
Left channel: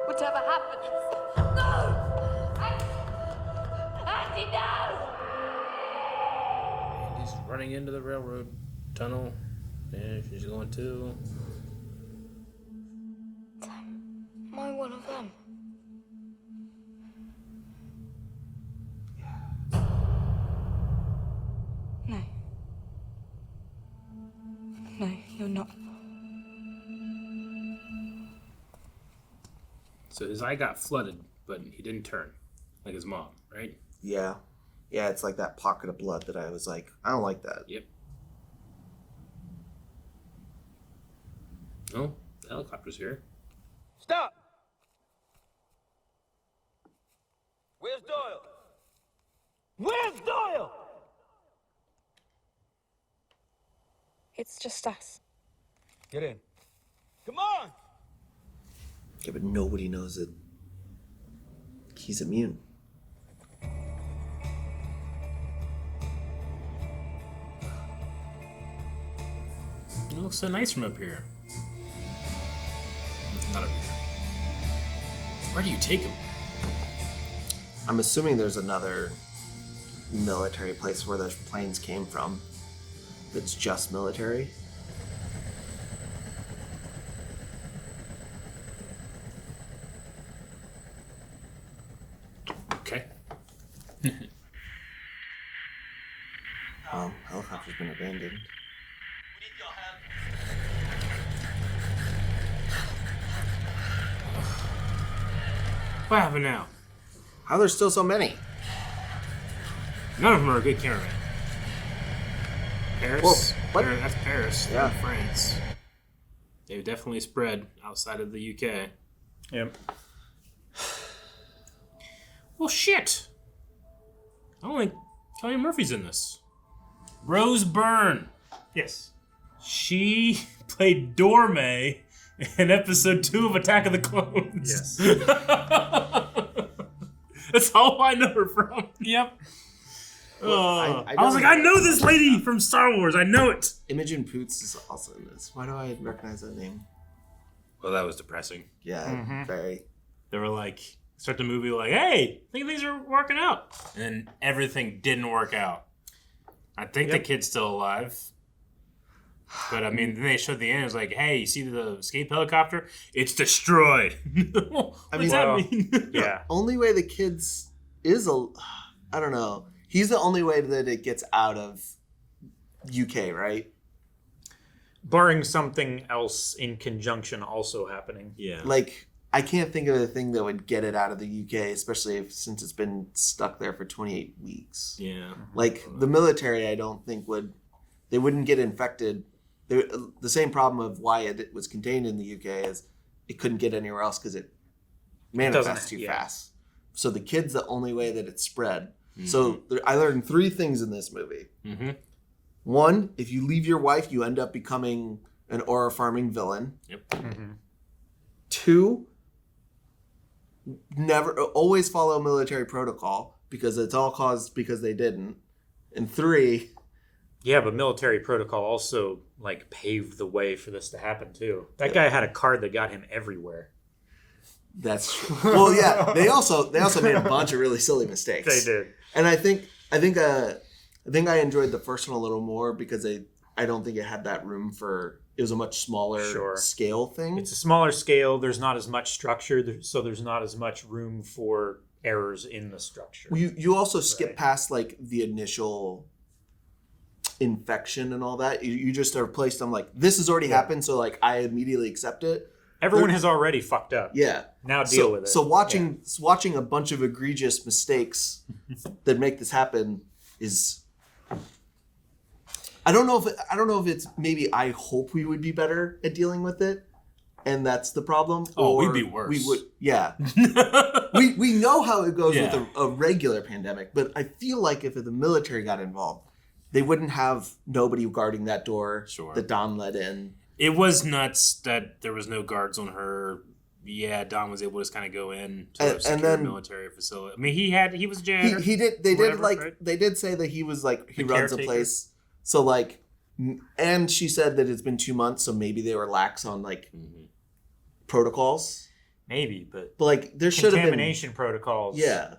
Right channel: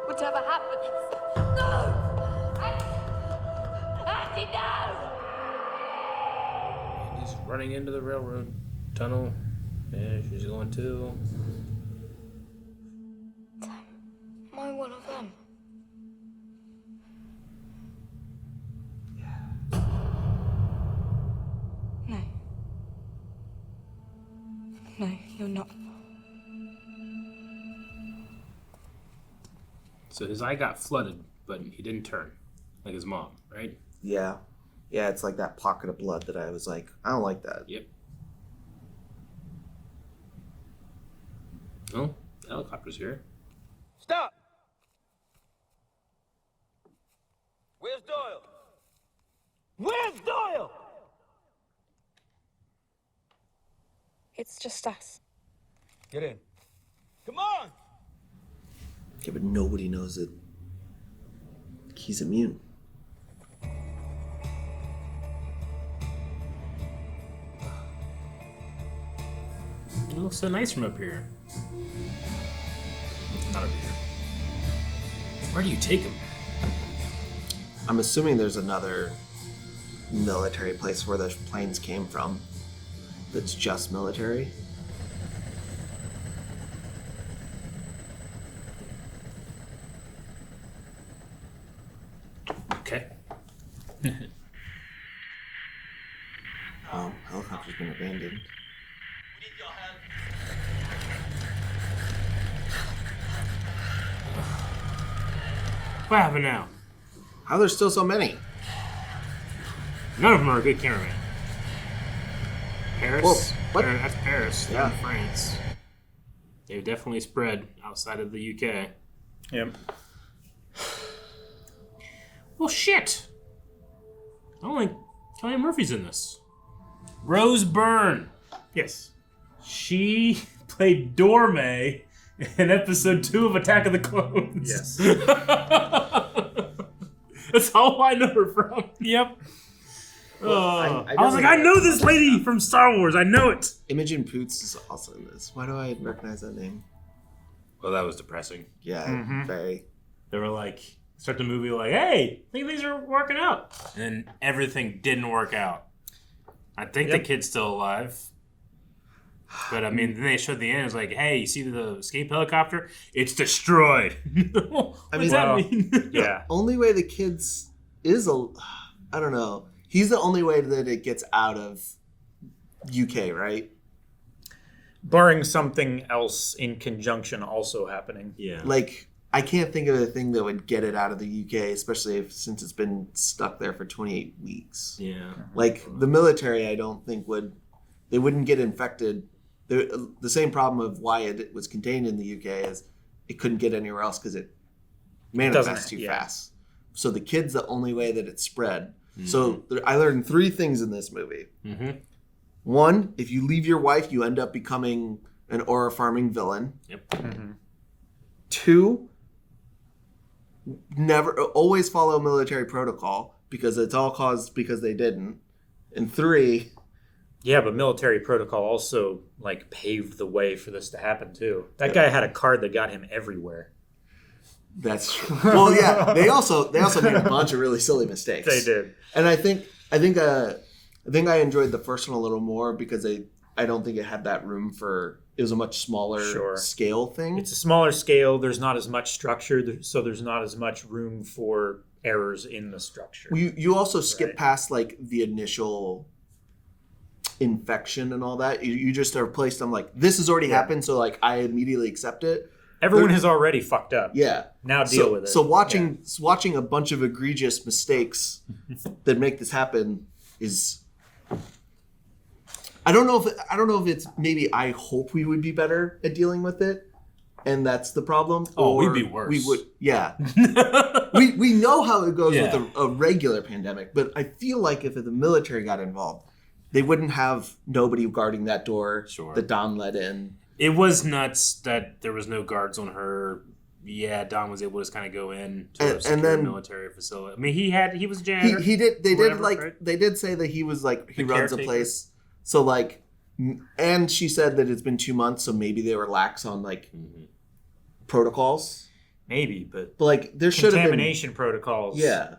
Whatever happens. No! Andy, no! He's running into the railroad tunnel. Yeah, she's going too. Am I one of them? No. No, you're not. So his eye got flooded, but he didn't turn, like his mom, right? Yeah. Yeah, it's like that pocket of blood that I was like, I don't like that. Yep. Oh, the helicopter's here. Stop! Where's Doyle? Where's Doyle? It's just us. Get in. Come on! Okay, but nobody knows that he's immune. It looks so nice from up here. Not up here. Where do you take him? I'm assuming there's another military place where the planes came from that's just military. Okay. Oh, helicopter's been abandoned. What happened now? How there's still so many? None of them are a good camera. Paris? Whoa, what? That's Paris. They're in Yeah. France. They've definitely spread outside of the UK. Yep. Well, shit. I don't think Cillian Murphy's in this. Rose Byrne. Yes. She played Dorme in episode 2 of Attack of the Clones. Yes. That's all I know her from. Yep. I was like, I know this lady from Star Wars. I know it. Imogen Poots is also in this. Why do I recognize that name? Well, that was depressing. Yeah, very. They were like, start the movie like, hey, I think things are working out. And then everything didn't work out. I think the kid's still alive. But I mean, then they showed the end. It was like, hey, you see the escape helicopter? It's destroyed. What does that mean? Yeah. Only way the kids is I don't know. He's the only way that it gets out of UK, right? Barring something else in conjunction also happening. Yeah. Like, I can't think of a thing that would get it out of the UK, especially since it's been stuck there for 28 weeks. Yeah. Like, the military, I don't think they wouldn't get infected. The same problem of why it was contained in the UK is it couldn't get anywhere else because it manifests too fast. So the kid's the only way that it's spread. Mm-hmm. So I learned 3 things in this movie. Mm-hmm. 1, if you leave your wife, you end up becoming an aura farming villain. Yep. Mm-hmm. 2, never always follow military protocol because it's all caused because they didn't. And 3, yeah, but military protocol also like paved the way for this to happen too. That guy had a card that got him everywhere. That's true. Well, yeah, they also made a bunch of really silly mistakes. They did. And I think I enjoyed the first one a little more because I don't think it had that room for. It was a much smaller scale thing. It's a smaller scale. There's not as much structure, so there's not as much room for errors in the structure. You also skip past like the initial infection and all that. You just are placed on like this has already happened, so like I immediately accept it. Everyone has already fucked up. Yeah. Now deal with it. So watching a bunch of egregious mistakes that make this happen is. I don't know if it's maybe I hope we would be better at dealing with it, and that's the problem. Oh, we'd be worse. We would, yeah. we know how it goes with a regular pandemic, but I feel like if the military got involved, they wouldn't have nobody guarding that door that Dom let in. It was nuts that there was no guards on her. Yeah, Dom was able to just kind of go in to a secure military facility. I mean, he was a janitor. He did. They did say that he was like he runs a place. So like And she said that it's been 2 months, so maybe they were lax on like protocols. Maybe, but like there should have been contamination protocols. Yeah,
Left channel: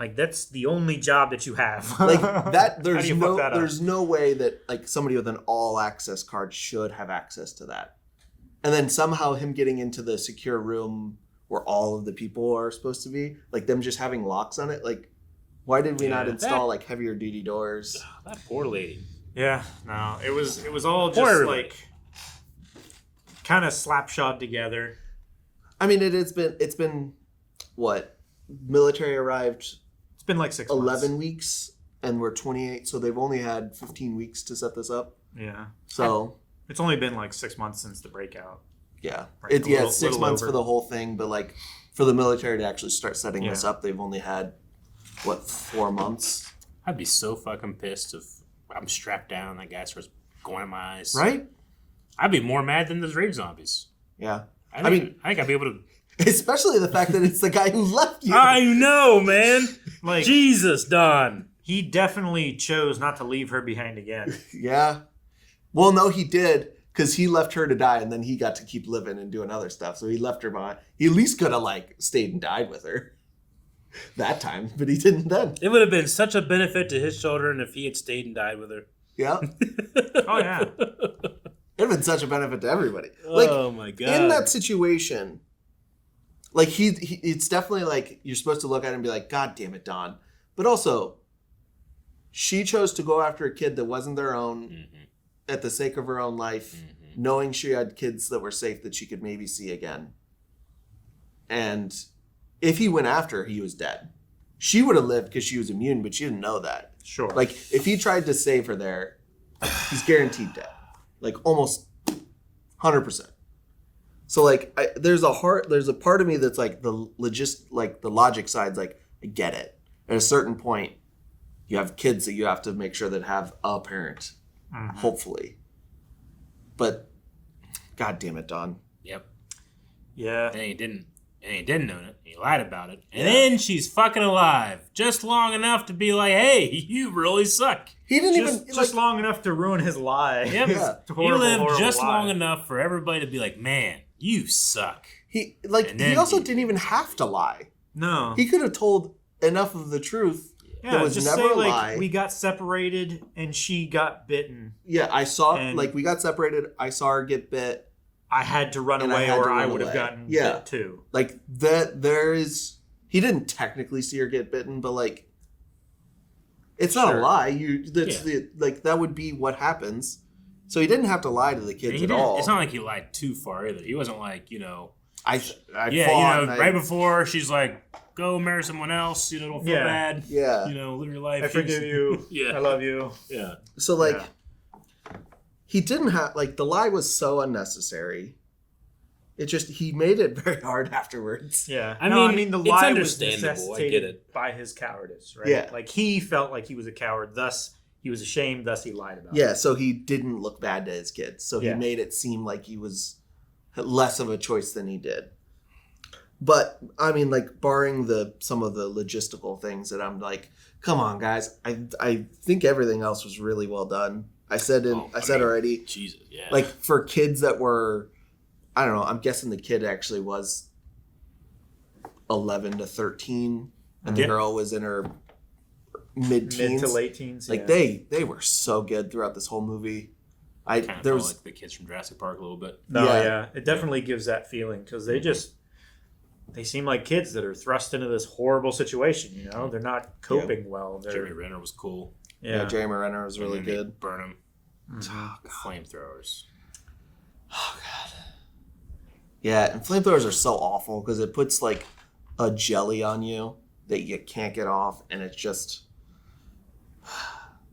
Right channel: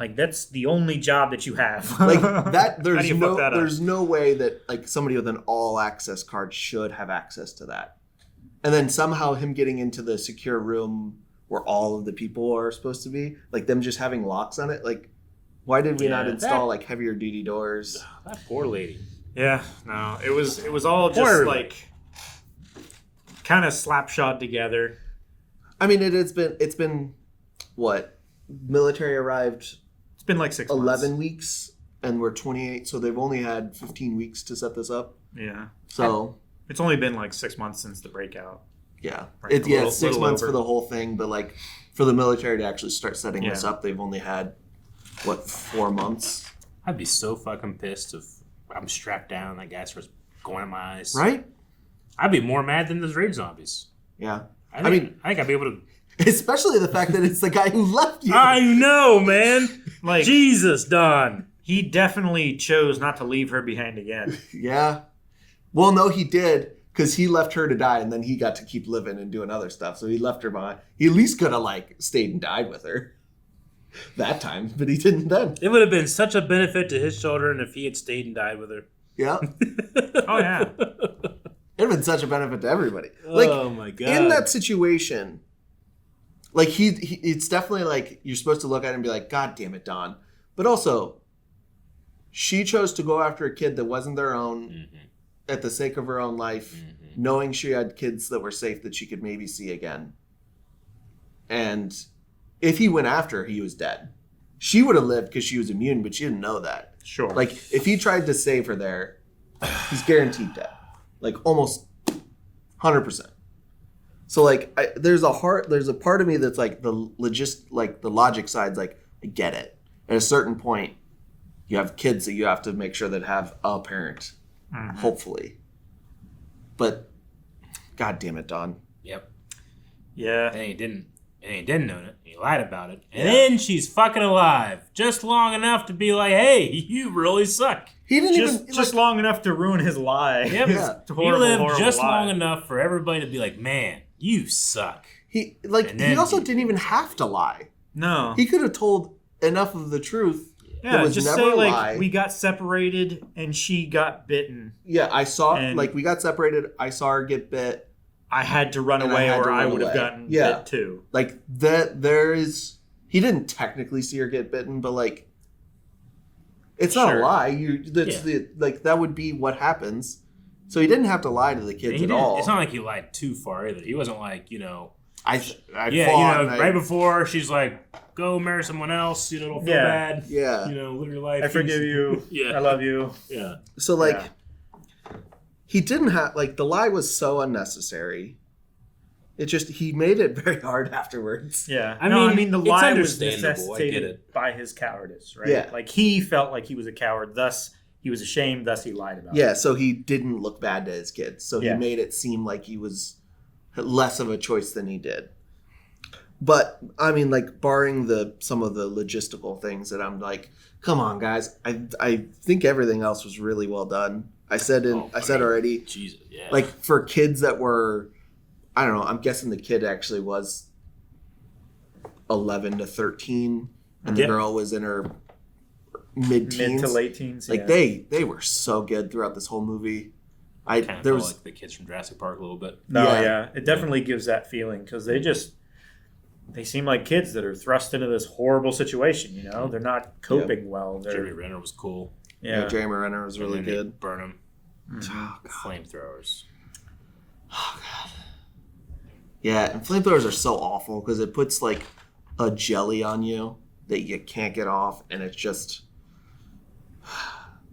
like that's the only job that you have. like that. There's How do you fuck that up? there's no way that like somebody with an all access card should have access to that. And then somehow him getting into the secure room where all of the people are supposed to be, like them just having locks on it. Like, why did we not install like heavier duty doors? That poor lady. Yeah, no, it was all Poor just everybody. like kind of slapshod together. I mean, it's been what? Military arrived. It's been like 6 11 weeks, and we're 28, so they've only had 15 weeks to set this up. Yeah. So it's only been like 6 months since the breakout. yeah, Right, it's 6 little months over. for the whole thing, but like for the military to actually start setting Yeah. this up, they've only had what 4 months. I'd be so fucking pissed if I'm strapped down and that guy starts going at my eyes. Right? I'd be more mad than those rage zombies. Yeah. I think I'd be able to. Especially the fact that it's the guy who left you. I know, man. Like Jesus, Don. He definitely chose not to leave her behind again. Yeah. Well, no, he did, because he left her to die, and then he got to keep living and doing other stuff. So he left her behind. He at least could have like stayed and died with her that time, but he didn't then. It would have been such a benefit to his children if he had stayed and died with her. Yeah. Oh yeah. It'd been such a benefit to everybody. Like, Oh my god. in that situation, like he it's definitely like you're supposed to look at it and be like, God damn it, Don. But also, she chose to go after a kid that wasn't their own at the sake of her own life, knowing she had kids that were safe that she could maybe see again. And if he went after her, he was dead. She would have lived because she was immune, but she didn't know that. Sure. Like, if he tried to save her there, he's guaranteed dead. Like, almost 100%. So, like, there's a part of me that's like the logic side's like, I get it. At a certain point, you have kids that you have to make sure that have a parent, hopefully. But, God damn it, Don. Yep. Yeah. And he didn't own it. He lied about it. And then she's fucking alive. Just long enough to be like, hey, you really suck. He didn't Just long enough to ruin his lie. Yep. Yeah. He Horrible, lived horrible just lie. long enough for everybody to be like, man, you suck. He And then also didn't even have to lie. No. He could have told enough of the truth that Yeah, was just never say a like lie. we got separated and she got bitten. Yeah, I saw And- we got separated. I saw her get bit. I had to run And I away had to or I run would have away. gotten Yeah. bit too. Like that, there is. He didn't technically see her get bitten, but like, it's not a lie. That would be what happens. So he didn't have to lie to the kids He at didn't- all. It's not like he lied too far either. He wasn't like, I yeah, fought, right before she's like, go marry someone else, don't feel Yeah. bad. Yeah. Live your life. I forgive you. Yeah. I love you. Yeah. So like, he didn't have the lie was so unnecessary. It just he made it very hard afterwards. Yeah. I No, mean, the it's lie was understandable. I get necessitated it. by his cowardice, right? Yeah. Like he felt like he was a coward, thus he was ashamed, thus he lied about it. Yeah, so he didn't look bad to his kids. So he Yeah. made it seem like he was less of a choice than he did. But I mean, barring some of the logistical things that I'm like, come on, guys. I think everything else was really well done. I said already. Jesus, yeah. Like for kids that were, I don't know. I'm guessing the kid actually was 11 to 13, and the Yeah. girl was in her mid-teens. Mid to late teens. Like yeah. they were so good throughout this whole movie. Kind of There felt was like the kids from Jurassic Park a little bit. No, Yeah. yeah. It definitely gives that feeling because they seem like kids that are thrust into this horrible situation, They're not coping well. Jeremy Renner was cool. yeah, Jeremy Renner was really And then they good. Burn him. Oh, Flamethrowers. Yeah, and flamethrowers are so awful because it puts a jelly on you that you can't get off, and it's just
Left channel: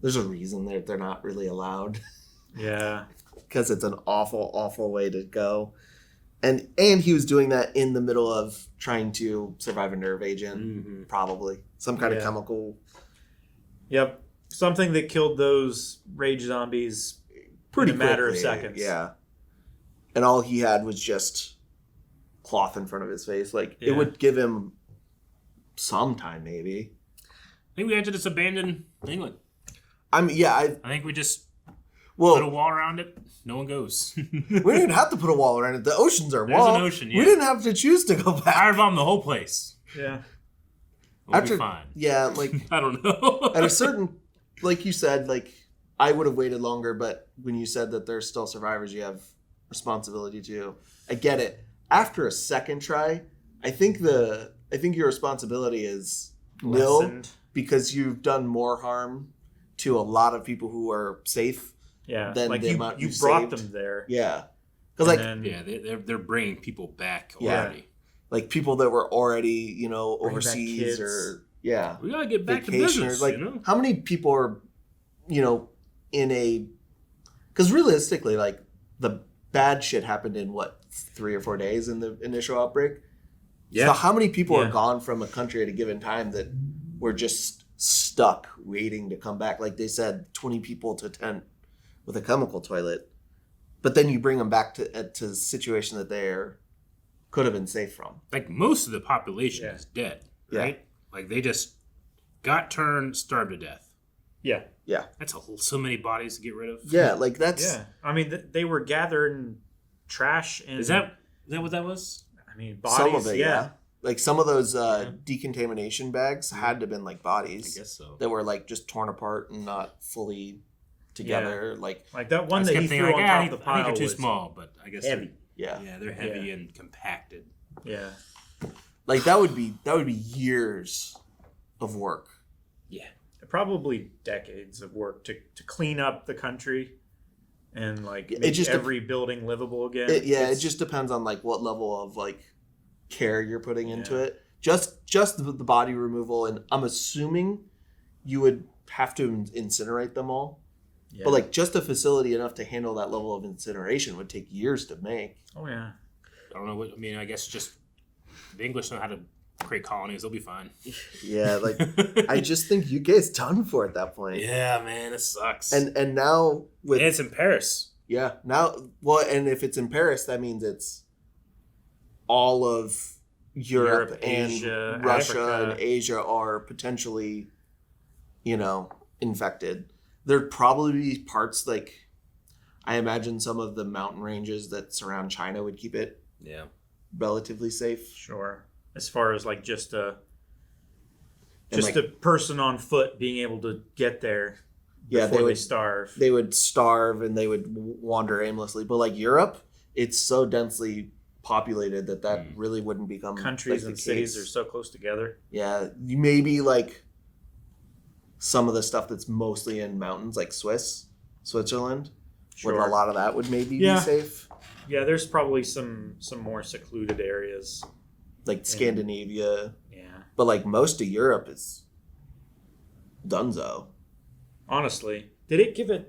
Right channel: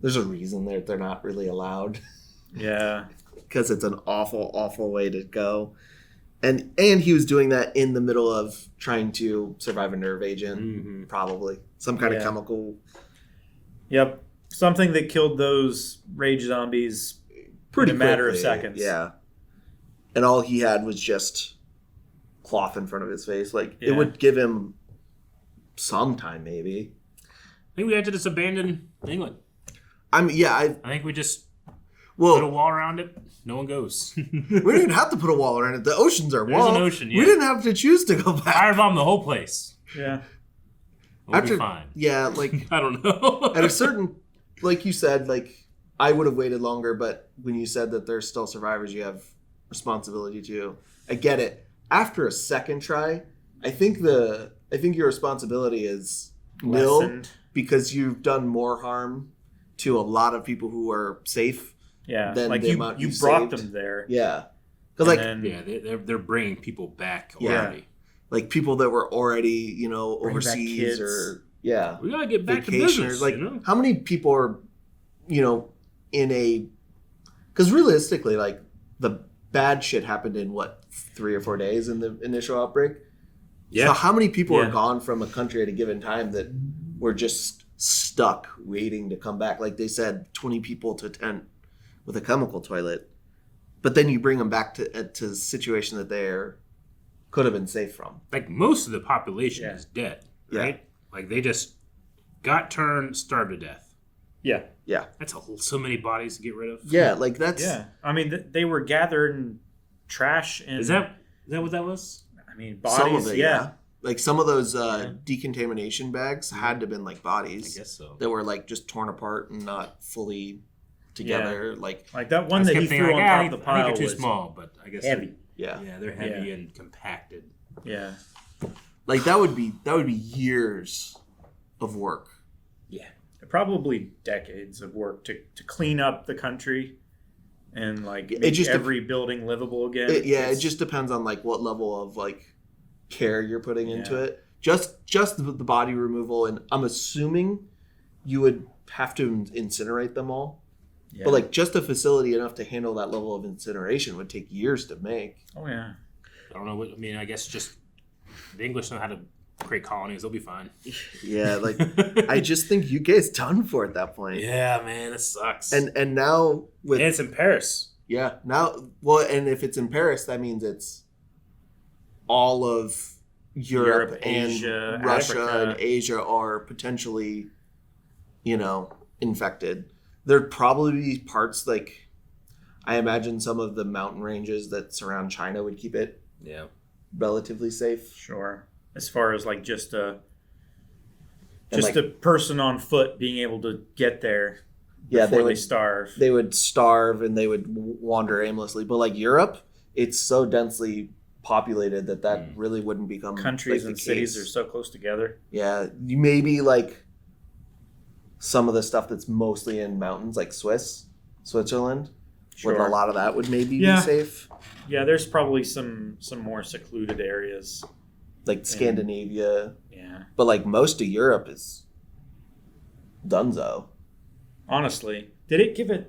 there's a reason that they're not really allowed. Yeah. Because it's an awful, awful way to go. And he was doing that in the middle of trying to survive a nerve agent, probably. Some kind of Yeah. chemical. Yep. Something that killed those rage zombies Pretty in a matter quickly, of seconds. Yeah. And all he had was just cloth in front of his face. It Yeah. would give him some time, maybe. I think we had to just abandon England. I mean, yeah. I think we just Well, put a wall around it. No one goes. we didn't even have to put a wall around it. The oceans are There's walled. an ocean. Yeah. We didn't have to choose to go back. Firebomb the whole place. Yeah. We'll be fine. Yeah, like I don't know. at a certain, like you said, like I would have waited longer, but when you said that there's still survivors, you have responsibility to. I get it. After a second try, I think your responsibility is nil Lessened. because you've done more harm to a lot of people who are safe. Yeah, than like the amount you you brought saved. them there. Yeah, because like they're bringing people back Yeah. already. like people that were already Bring back overseas kids. or We gotta get back to vacationers. business. Like you know? how many people are in a because realistically like the bad shit happened in what 3 or 4 days in the initial outbreak. Yeah. So how many people Yeah. are gone from a country at a given time that were just stuck waiting to come back? Like they said, 20 people to tent with a chemical toilet, but then you bring them back to a situation that they're could have been safe from. Like most of the population is dead, Yeah. right? Like they just got turned, starved to death. Yeah. Yeah. That's so many bodies to get rid of. Yeah, like that's Yeah. I mean, they were gathering trash and Is that what that was? I mean, bodies. some of it, yeah. Like some of those decontamination bags had to have been like bodies. I guess so. That were like just torn apart and not fully together. Like that one that kept he threw thinking, on like, top I of the pile think they're too was small, but I guess heavy. yeah. they're heavy and compacted. Yeah. Like that would be years of work. Yeah. Probably decades of work to clean up the country and like It make just every building livable again. It just depends on like what level of like care you're putting into it. Just the body removal, and I'm assuming you would have to incinerate them all. Yeah. But like just a facility enough to handle that level of incineration would take years to make. Oh yeah. I don't know what I mean. I guess just the English know how to create colonies. They'll be fine. Yeah, like I just think UK is done for at that point. Yeah, man, it sucks. And now with it's in Paris. Yeah, now and if it's in Paris, that means it's all of Europe and Asia, Russia Africa. and Asia are potentially, infected. There'd probably be parts like I imagine some of the mountain ranges that surround China would keep it relatively safe. Sure. As far as like just a And, a person on foot being able to get there. Yeah, before they would starve. They would starve and they would wander aimlessly. But like Europe, it's so densely populated that really wouldn't become Countries like, and the cities case. are so close together. Yeah, you maybe like some of the stuff that's mostly in mountains, like Switzerland. Sure. With a lot of that would maybe be safe. Yeah, there's probably some more secluded areas. Like Scandinavia. Yeah. But like most of Europe is dunzo. Honestly, did it give a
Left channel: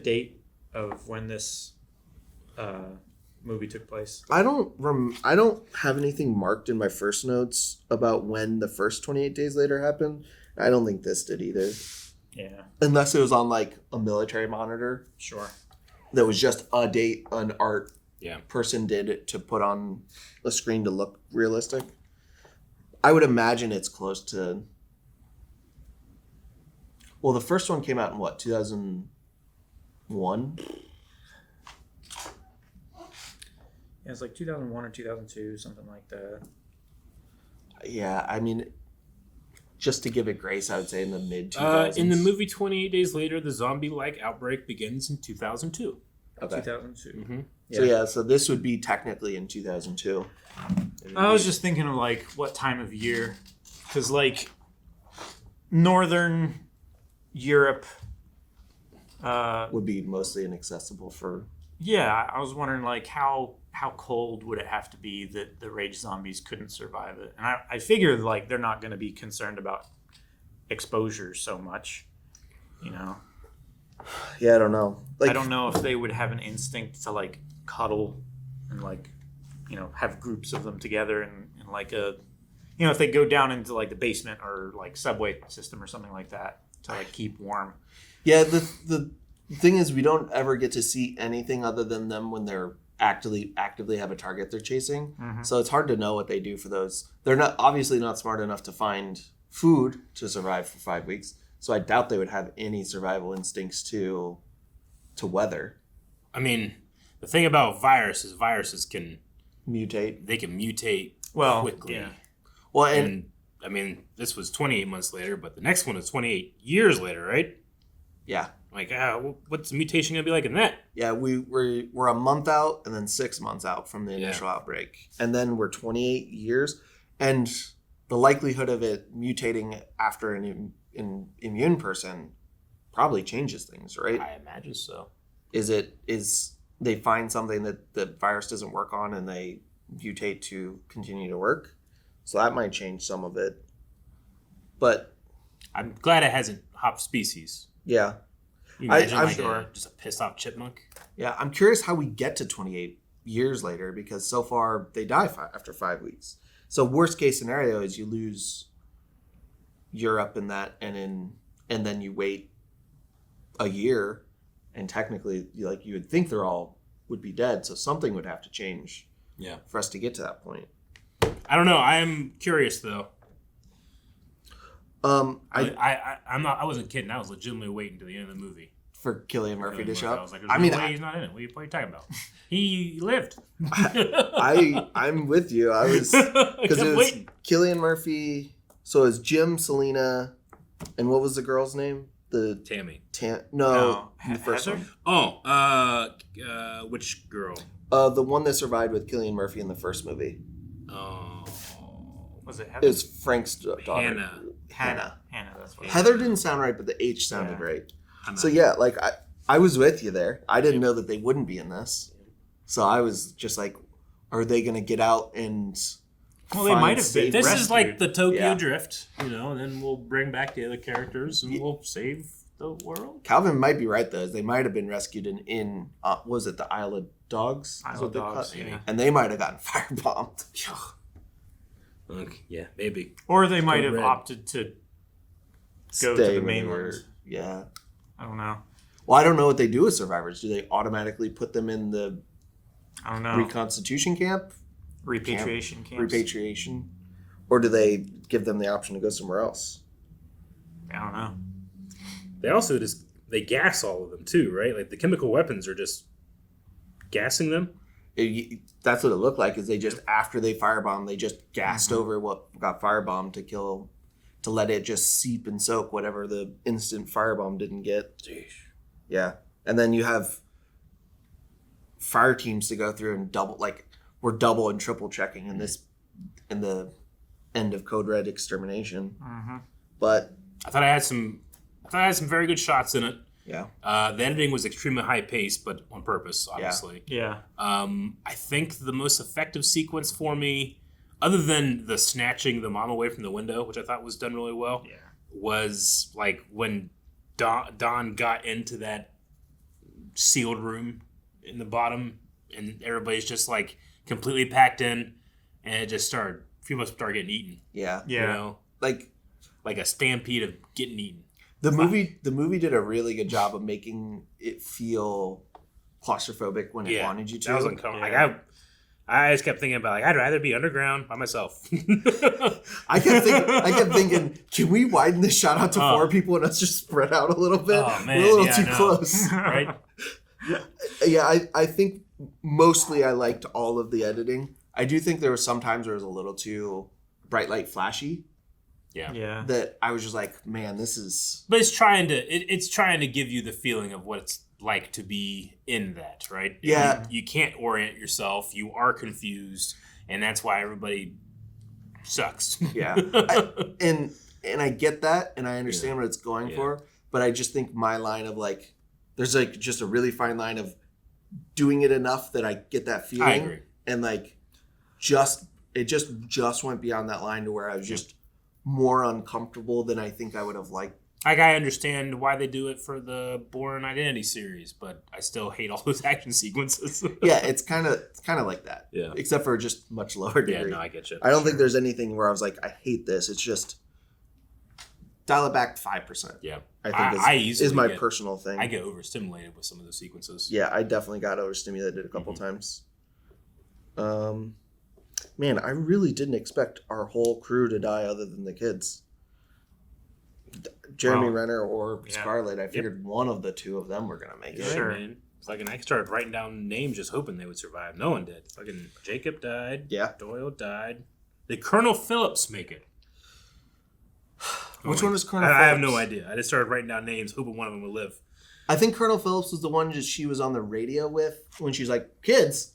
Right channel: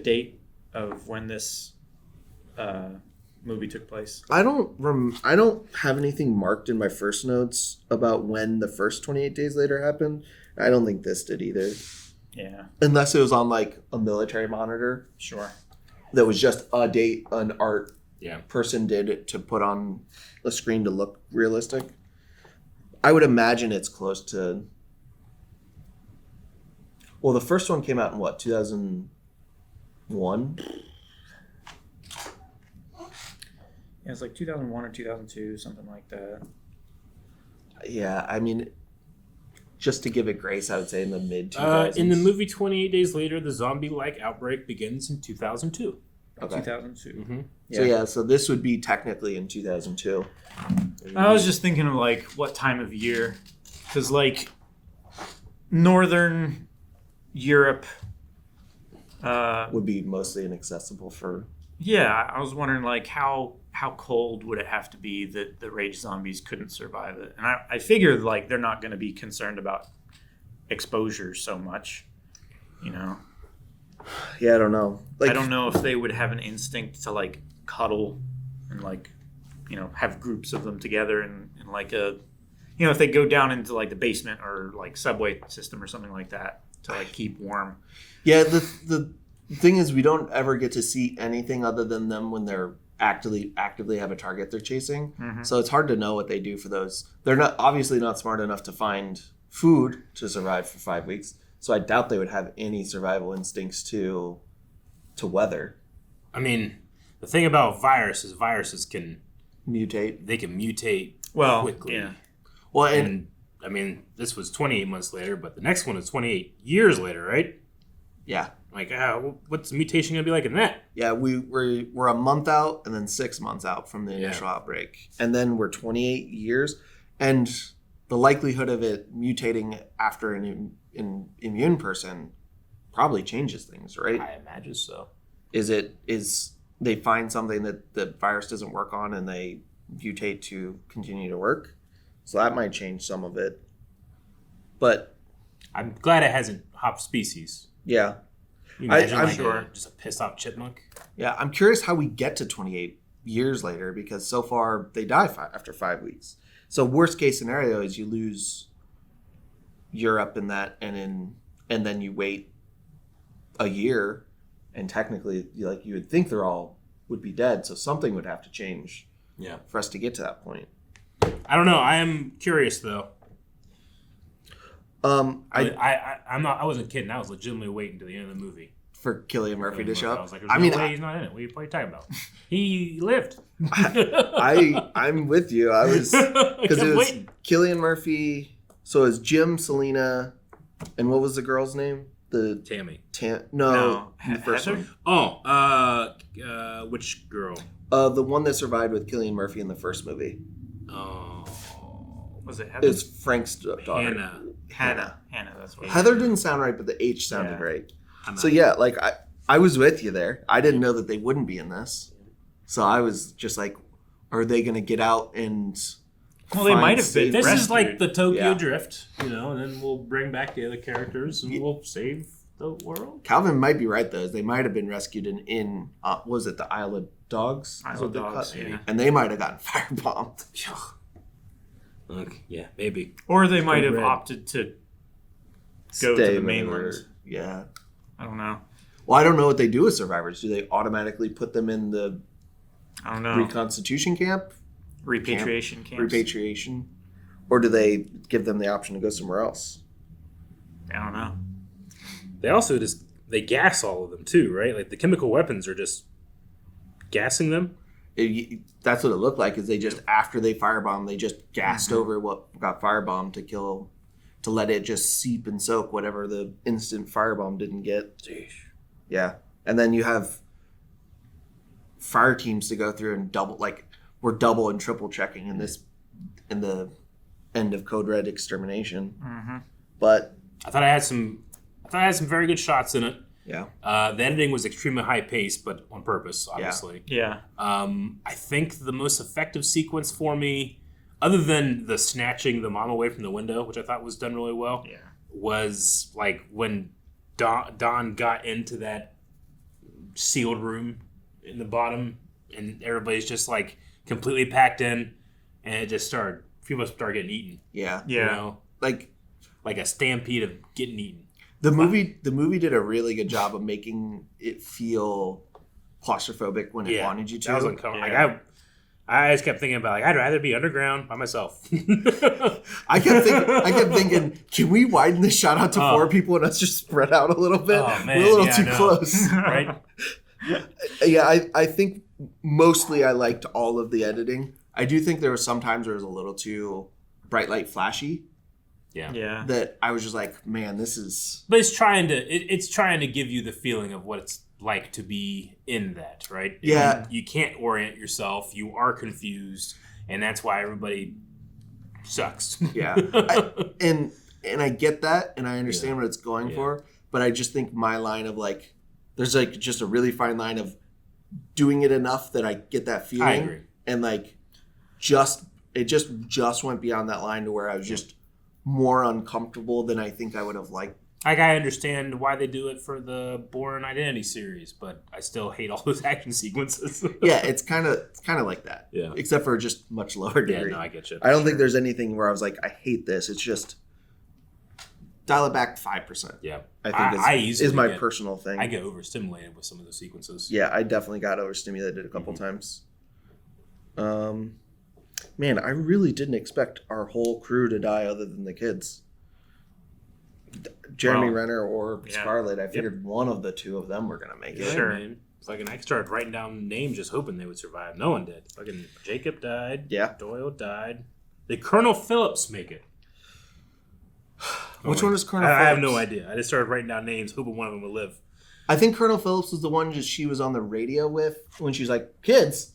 date of when this movie took place? I don't have anything marked in my first notes about when the first 28 Days Later happened. I don't think this did either. Yeah. Unless it was on like a military monitor. Sure. That was just a date an art Yeah. person did it to put on a screen to look realistic. I would imagine it's close to. Well, the first one came out in what, 2001? Yeah, it's like 2001 or 2002, something like that. Yeah, I mean, just to give it grace, I would say in the mid 2000s. In the movie 28 Days Later, the zombie-like outbreak begins in 2002. Okay. 2002. Mm-hmm. So this would be technically in 2002. I was just thinking of like what time of year, because like northern Europe would be mostly inaccessible for. Yeah, I was wondering like how cold would it have to be that the rage zombies couldn't survive it, and I figured like they're not going to be concerned about exposure so much, Yeah, I don't know. Like, I don't know if they would have an instinct to like cuddle and like have groups of them together and like a if they go down into like the basement or like subway system or something like that to like keep warm. Yeah, the thing is we don't ever get to see anything other than them when they're actively have a target they're chasing. Mhm. So it's hard to know what they do for those. They're not obviously not smart enough to find food to survive for 5 weeks. So I doubt they would have any survival instincts to to weather. I mean, the thing about viruses can mutate. They can mutate quickly. Yeah. Well, and I mean, this was 28 months later, but the next one is 28 years later, right? Yeah. Like, what's the mutation gonna be like in that? Yeah, we're a month out and then 6 months out from the initial outbreak, and then we're 28 years, and the likelihood of it mutating after an immune person probably changes things, right? I imagine so. Is they find something that the virus doesn't work on and they mutate to continue to work, so that might change some of it. But I'm glad it hasn't hopped species. Yeah. You imagine just a pissed off chipmunk? Yeah, I'm curious how we get to 28 years later, because so far they die after 5 weeks. So worst case scenario is you lose Europe in that, and then you wait a year, and technically, like, you would think they're all would be dead. So something would have to change. Yeah. For us to get to that point. I don't know. I am curious though. I wasn't kidding. I was legitimately waiting to the end of the movie for Cillian Murphy to show up. I was like, "There's no way he's not in it. What are you talking about? He lived." I'm with you. I was because it was waiting. Cillian Murphy. So it was Jim, Selena, and what was the girl's name? The Tammy. No, the first Heather? one. Which girl? The one that survived with Cillian Murphy in the first movie. Oh, was it Heather? It was Frank's daughter. Hannah. That's what Heather didn't sound right, but the H sounded right. So yeah, like I was with you there. I didn't know that they wouldn't be in this, so I was just like, are they going to get out and? Well, they might have been. This is like the Tokyo Drift, and then we'll bring back the other characters and we'll save the world. Calvin might be right though. They might have been rescued in was it the Isle of Dogs? Isle of Dogs, yeah. And they might have gotten firebombed. Look, yeah, maybe. Or they might have opted to go to the mainland. Yeah. I don't know. Well, I don't know what they do with survivors. Do they automatically put them in the I don't know. reconstitution camp? Repatriation camps? Repatriation? Or do they give them the option to go somewhere else? I don't know. They also they gas all of them too, right? Like the chemical weapons are just gassing them. That's what it looked like. Is they just after they firebomb, they just gassed over what got firebombed to let it just seep and soak whatever the instant firebomb didn't get. Jeez. Yeah, and then you have fire teams to go through and we're double and triple checking in the end of Code Red Extermination. Mm-hmm. But I thought I had some very good shots in it. Yeah. The editing was extremely high paced, but on purpose, obviously. Yeah. I think the most effective sequence for me, other than the snatching the mom away from the window, which I thought was done really well, was like when Don got into that sealed room in the bottom, and everybody's just like completely packed in, and it just people started getting eaten. Yeah. Like a stampede of getting eaten. The movie did a really good job of making it feel claustrophobic when it wanted you to. That was uncomfortable. I just kept thinking about I'd rather be underground by myself. I kept thinking, can we widen this shot out to 4 people and us just spread out a little bit? Oh, man. We're a little too close. Right? Yeah, I think mostly I liked all of the editing. I do think there were some times where it was a little too bright light flashy. Yeah. That I was just like, man, this is. But it's trying to give you the feeling of what it's like to be in that, right? Yeah. You can't orient yourself. You are confused, and that's why everybody sucks. Yeah. And I get that, and I understand what it's going for, but I just think my line of there's just a really fine line of doing it enough that I get that feeling. I agree. And it just went beyond that line to where I was just more uncomfortable than I think I would have liked. I understand why they do it for the Bourne Identity series, but I still hate all those action sequences. Yeah, it's kind of like that. Yeah. Except for just much lower degree. Yeah, no, I get you. I don't think there's anything where I was like, I hate this. It's just dial it back 5%. Yeah. I think is my personal thing. I get overstimulated with some of those sequences. Yeah, I definitely got overstimulated a couple times. Man, I really didn't expect our whole crew to die other than the kids. Jeremy Renner or Scarlett. I figured one of the two of them were gonna make it. Sure. Man. Fucking, I started writing down names just hoping they would survive. No one did. Fucking Jacob died. Yeah. Doyle died. Did Colonel Phillips make it? Which one was Colonel I have Phillips? no idea. I just started writing down names, hoping one of them would live. I think Colonel Phillips was the one that she was on the radio with when she was like, "Kids,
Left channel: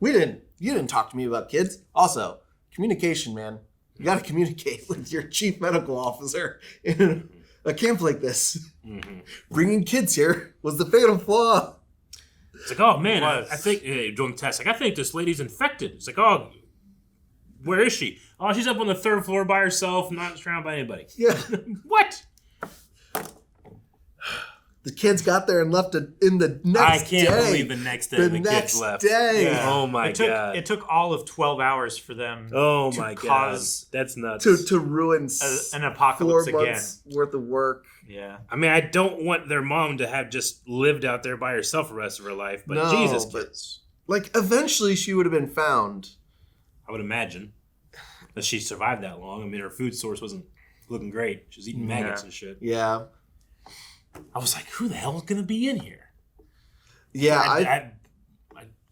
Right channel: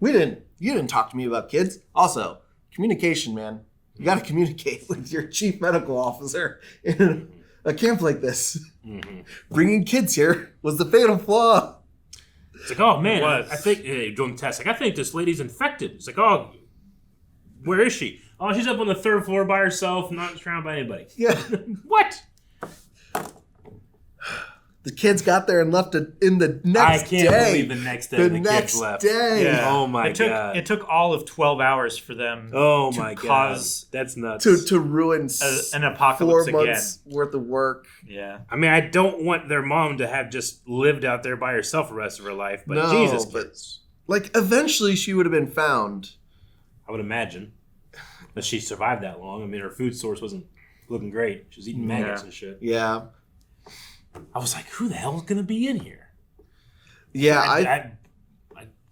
you didn't talk to me about kids." Also, communication, man. You got to communicate with your chief medical officer in a camp like this. Mm-hmm. Bringing kids here was the fatal flaw. It's like, oh man, I think doing tests. Like, I think this lady's infected. It's like, oh, where is she? Oh, she's up on the 3rd floor by herself, not surrounded by anybody. Yeah. What? The kids got there and left it in the next day. I can't believe the next day the kids left. Day. Yeah. Oh my god! It took all of 12 hours for them. Oh to my cause god! That's nuts. To ruin an apocalypse 4 again. months worth of work. Yeah. I mean, I don't want their mom to have just lived out there by herself the rest of her life, but No, Jesus, but- kids. Like, eventually she would have been found. I would imagine that she survived that long. I mean, her food source wasn't looking great. She was eating maggots and shit. Yeah. I was like, who the hell is going to be in here? Yeah, I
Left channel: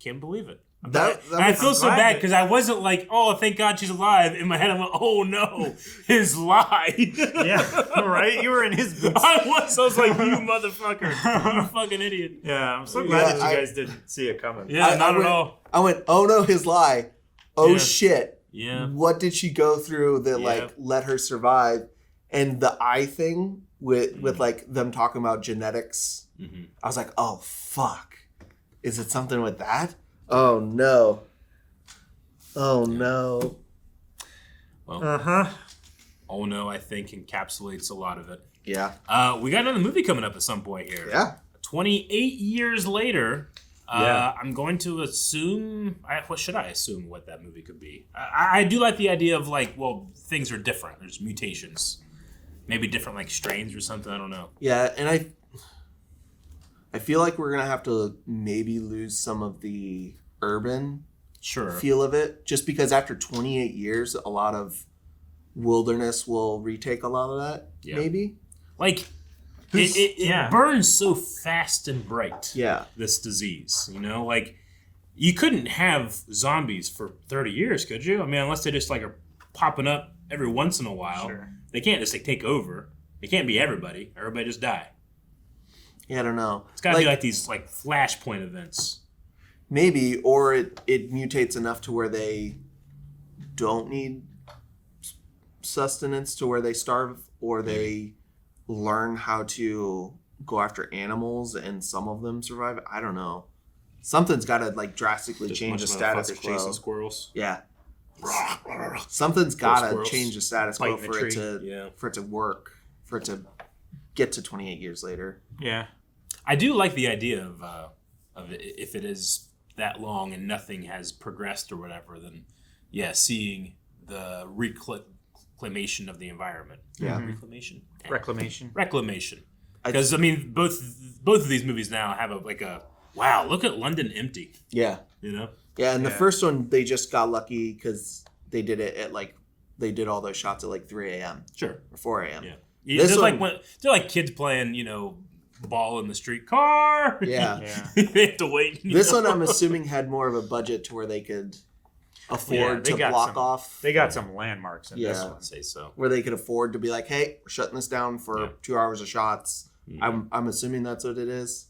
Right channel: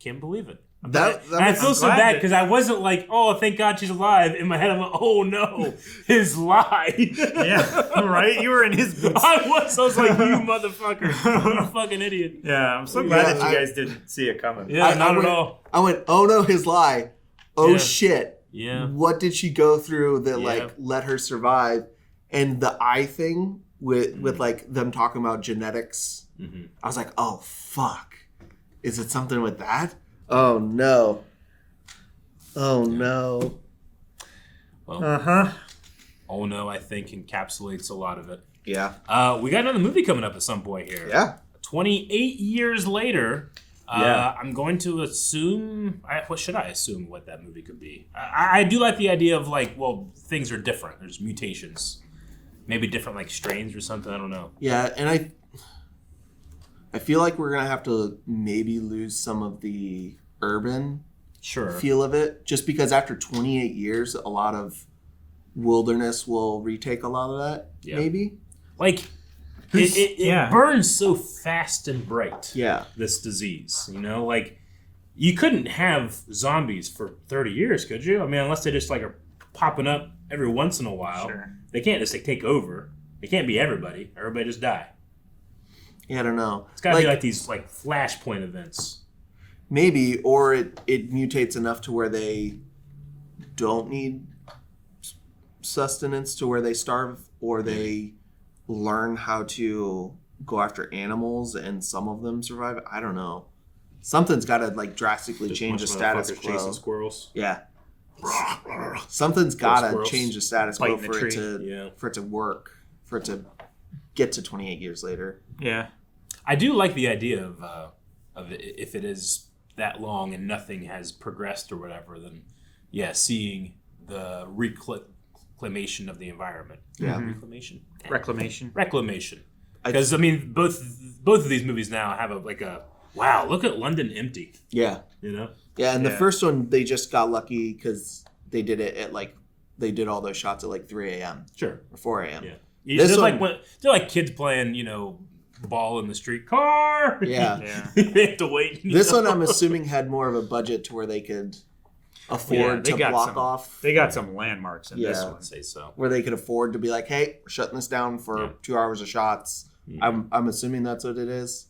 can't believe it. That And I feel I'm so glad bad that- because I wasn't like, oh, thank God she's alive. In my head, I'm like, oh no, his lie. Yeah, right? You were in his boots. I was like, you motherfucker. You fucking idiot. Yeah, I'm so glad that you I- guys didn't see it coming. Yeah, I not went, at all. I went, oh no, his lie. Oh Yeah. shit. Yeah. What did she go through that Yeah. like let her survive? And the eye thing with like them talking about genetics. Mm-hmm. I was like, oh fuck. Is it something with that? Oh no. Oh no. Well, oh no, I think encapsulates a lot of it. Yeah. We got another movie coming up at some point here. Yeah. 28 years later. Yeah. I'm going to assume. What should I assume what that movie could be? I do like the idea of like, well, things are different. There's mutations, maybe different like strains or something. I don't know. Yeah, and I feel like we're gonna have to maybe lose some of the urban feel of it, just because after 28 years, a lot of wilderness will retake a lot of that. Yeah. Maybe. Like it burns so fast and bright. Yeah. This disease, like you couldn't have zombies for 30 years, could you? I mean, unless they just like are popping up every once in a while. Sure. They can't just like take over. It can't be everybody. Everybody just die. Yeah, I don't know. It's gotta be like these like flashpoint events. Maybe, or it mutates enough to where they don't need sustenance to where they starve, or they learn how to go after animals and some of them survive. I don't know. Something's got to like drastically Just change the bunch of status motherfuckers quo. chasing squirrels. Yeah. Something's got to squirrels. change the status quo Fighting a for it tree. to work, for it to get to 28 years later. Yeah. I do like the idea of it, if it is that long and nothing has progressed or whatever, then yeah, seeing the reclamation of the environment. Yeah. Reclamation. Reclamation. Because I mean, both of these movies now have a wow, look at London empty. Yeah. Yeah, and the first one they just got lucky because they did it at they did all those shots at like 3 a.m. Sure. Or 4 a.m. Yeah. This they're one, they're like kids playing, ball in the street car. Yeah. They have to wait. This one I'm assuming had more of a budget to where they could afford to got block off. They got some landmarks in this one. I'd say so. Where they could afford to be like, hey, we're shutting this down for 2 hours of shots. I'm assuming that's what it is.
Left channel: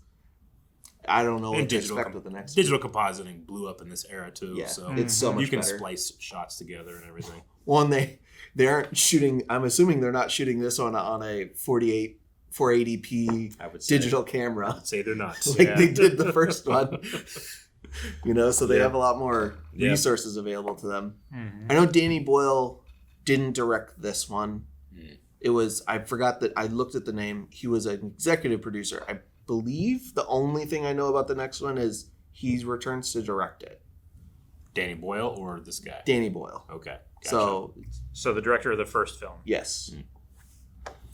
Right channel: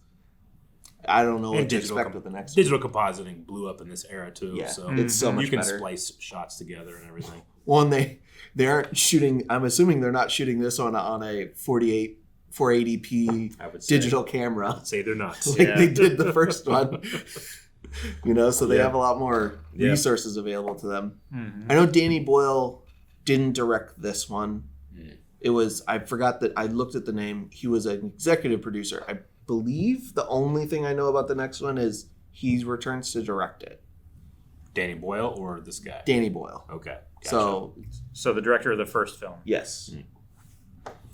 I don't know what to expect with the next digital compositing blew up in this era too. Yeah, so it's so much you can better. splice shots together and everything. Well, and they aren't shooting. I'm assuming they're not shooting this on a 480p digital camera. I'd say they're not. Like they did the first one. So they Yeah. have a lot more Yeah. resources available to them. Mm-hmm. I know Danny Boyle didn't direct this one. It was, I forgot that I looked at the name. He was an executive producer. I believe the only thing I know about the next one is he returns to direct it. Danny Boyle or this guy? Danny Boyle. Okay. Gotcha. So the director of the first film. Yes.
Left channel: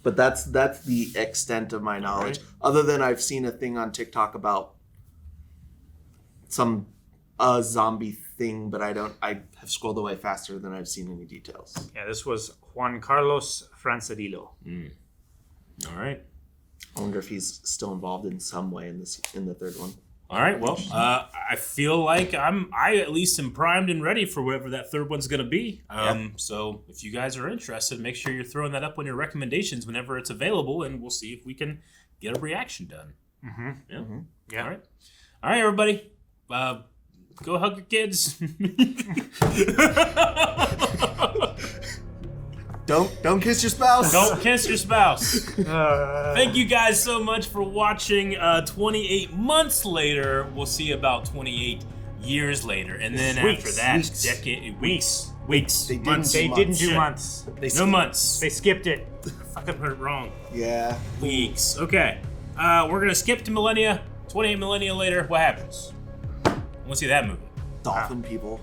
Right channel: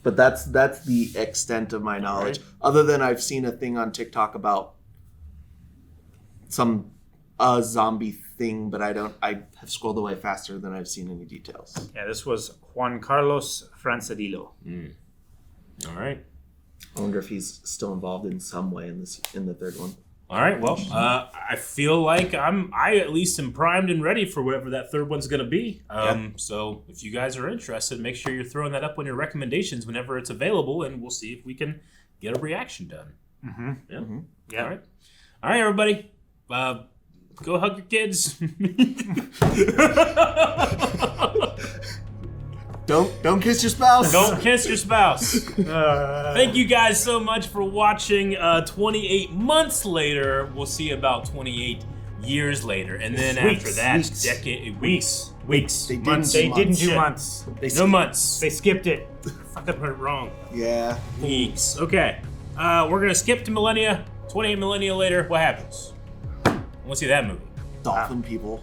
But that's the extent of my knowledge. Other than I've seen a thing on TikTok about a zombie thing, but I have scrolled away faster than I've seen any details. Yeah, this was Juan Carlos Francedillo. All right. I wonder if he's still involved in some way in the third one. All right. Well, I feel like I at least am primed and ready for whatever that third one's going to be. So if you guys are interested, make sure you're throwing that up on your recommendations whenever it's available, and we'll see if we can get a reaction done. Mm-hmm. Yeah. Mm-hmm. Yeah. All right, everybody. Go hug your kids. Don't kiss your spouse. Don't kiss your spouse. Thank you guys so much for watching. 28 months later, we'll see about 28 years later, and then after that, weeks. They didn't do months. No months. They skipped it. Fucking heard it wrong. Yeah. Weeks. Okay. We're gonna skip to millennia. 28 millennia later, what happens? I want to see that movie. Dolphin people.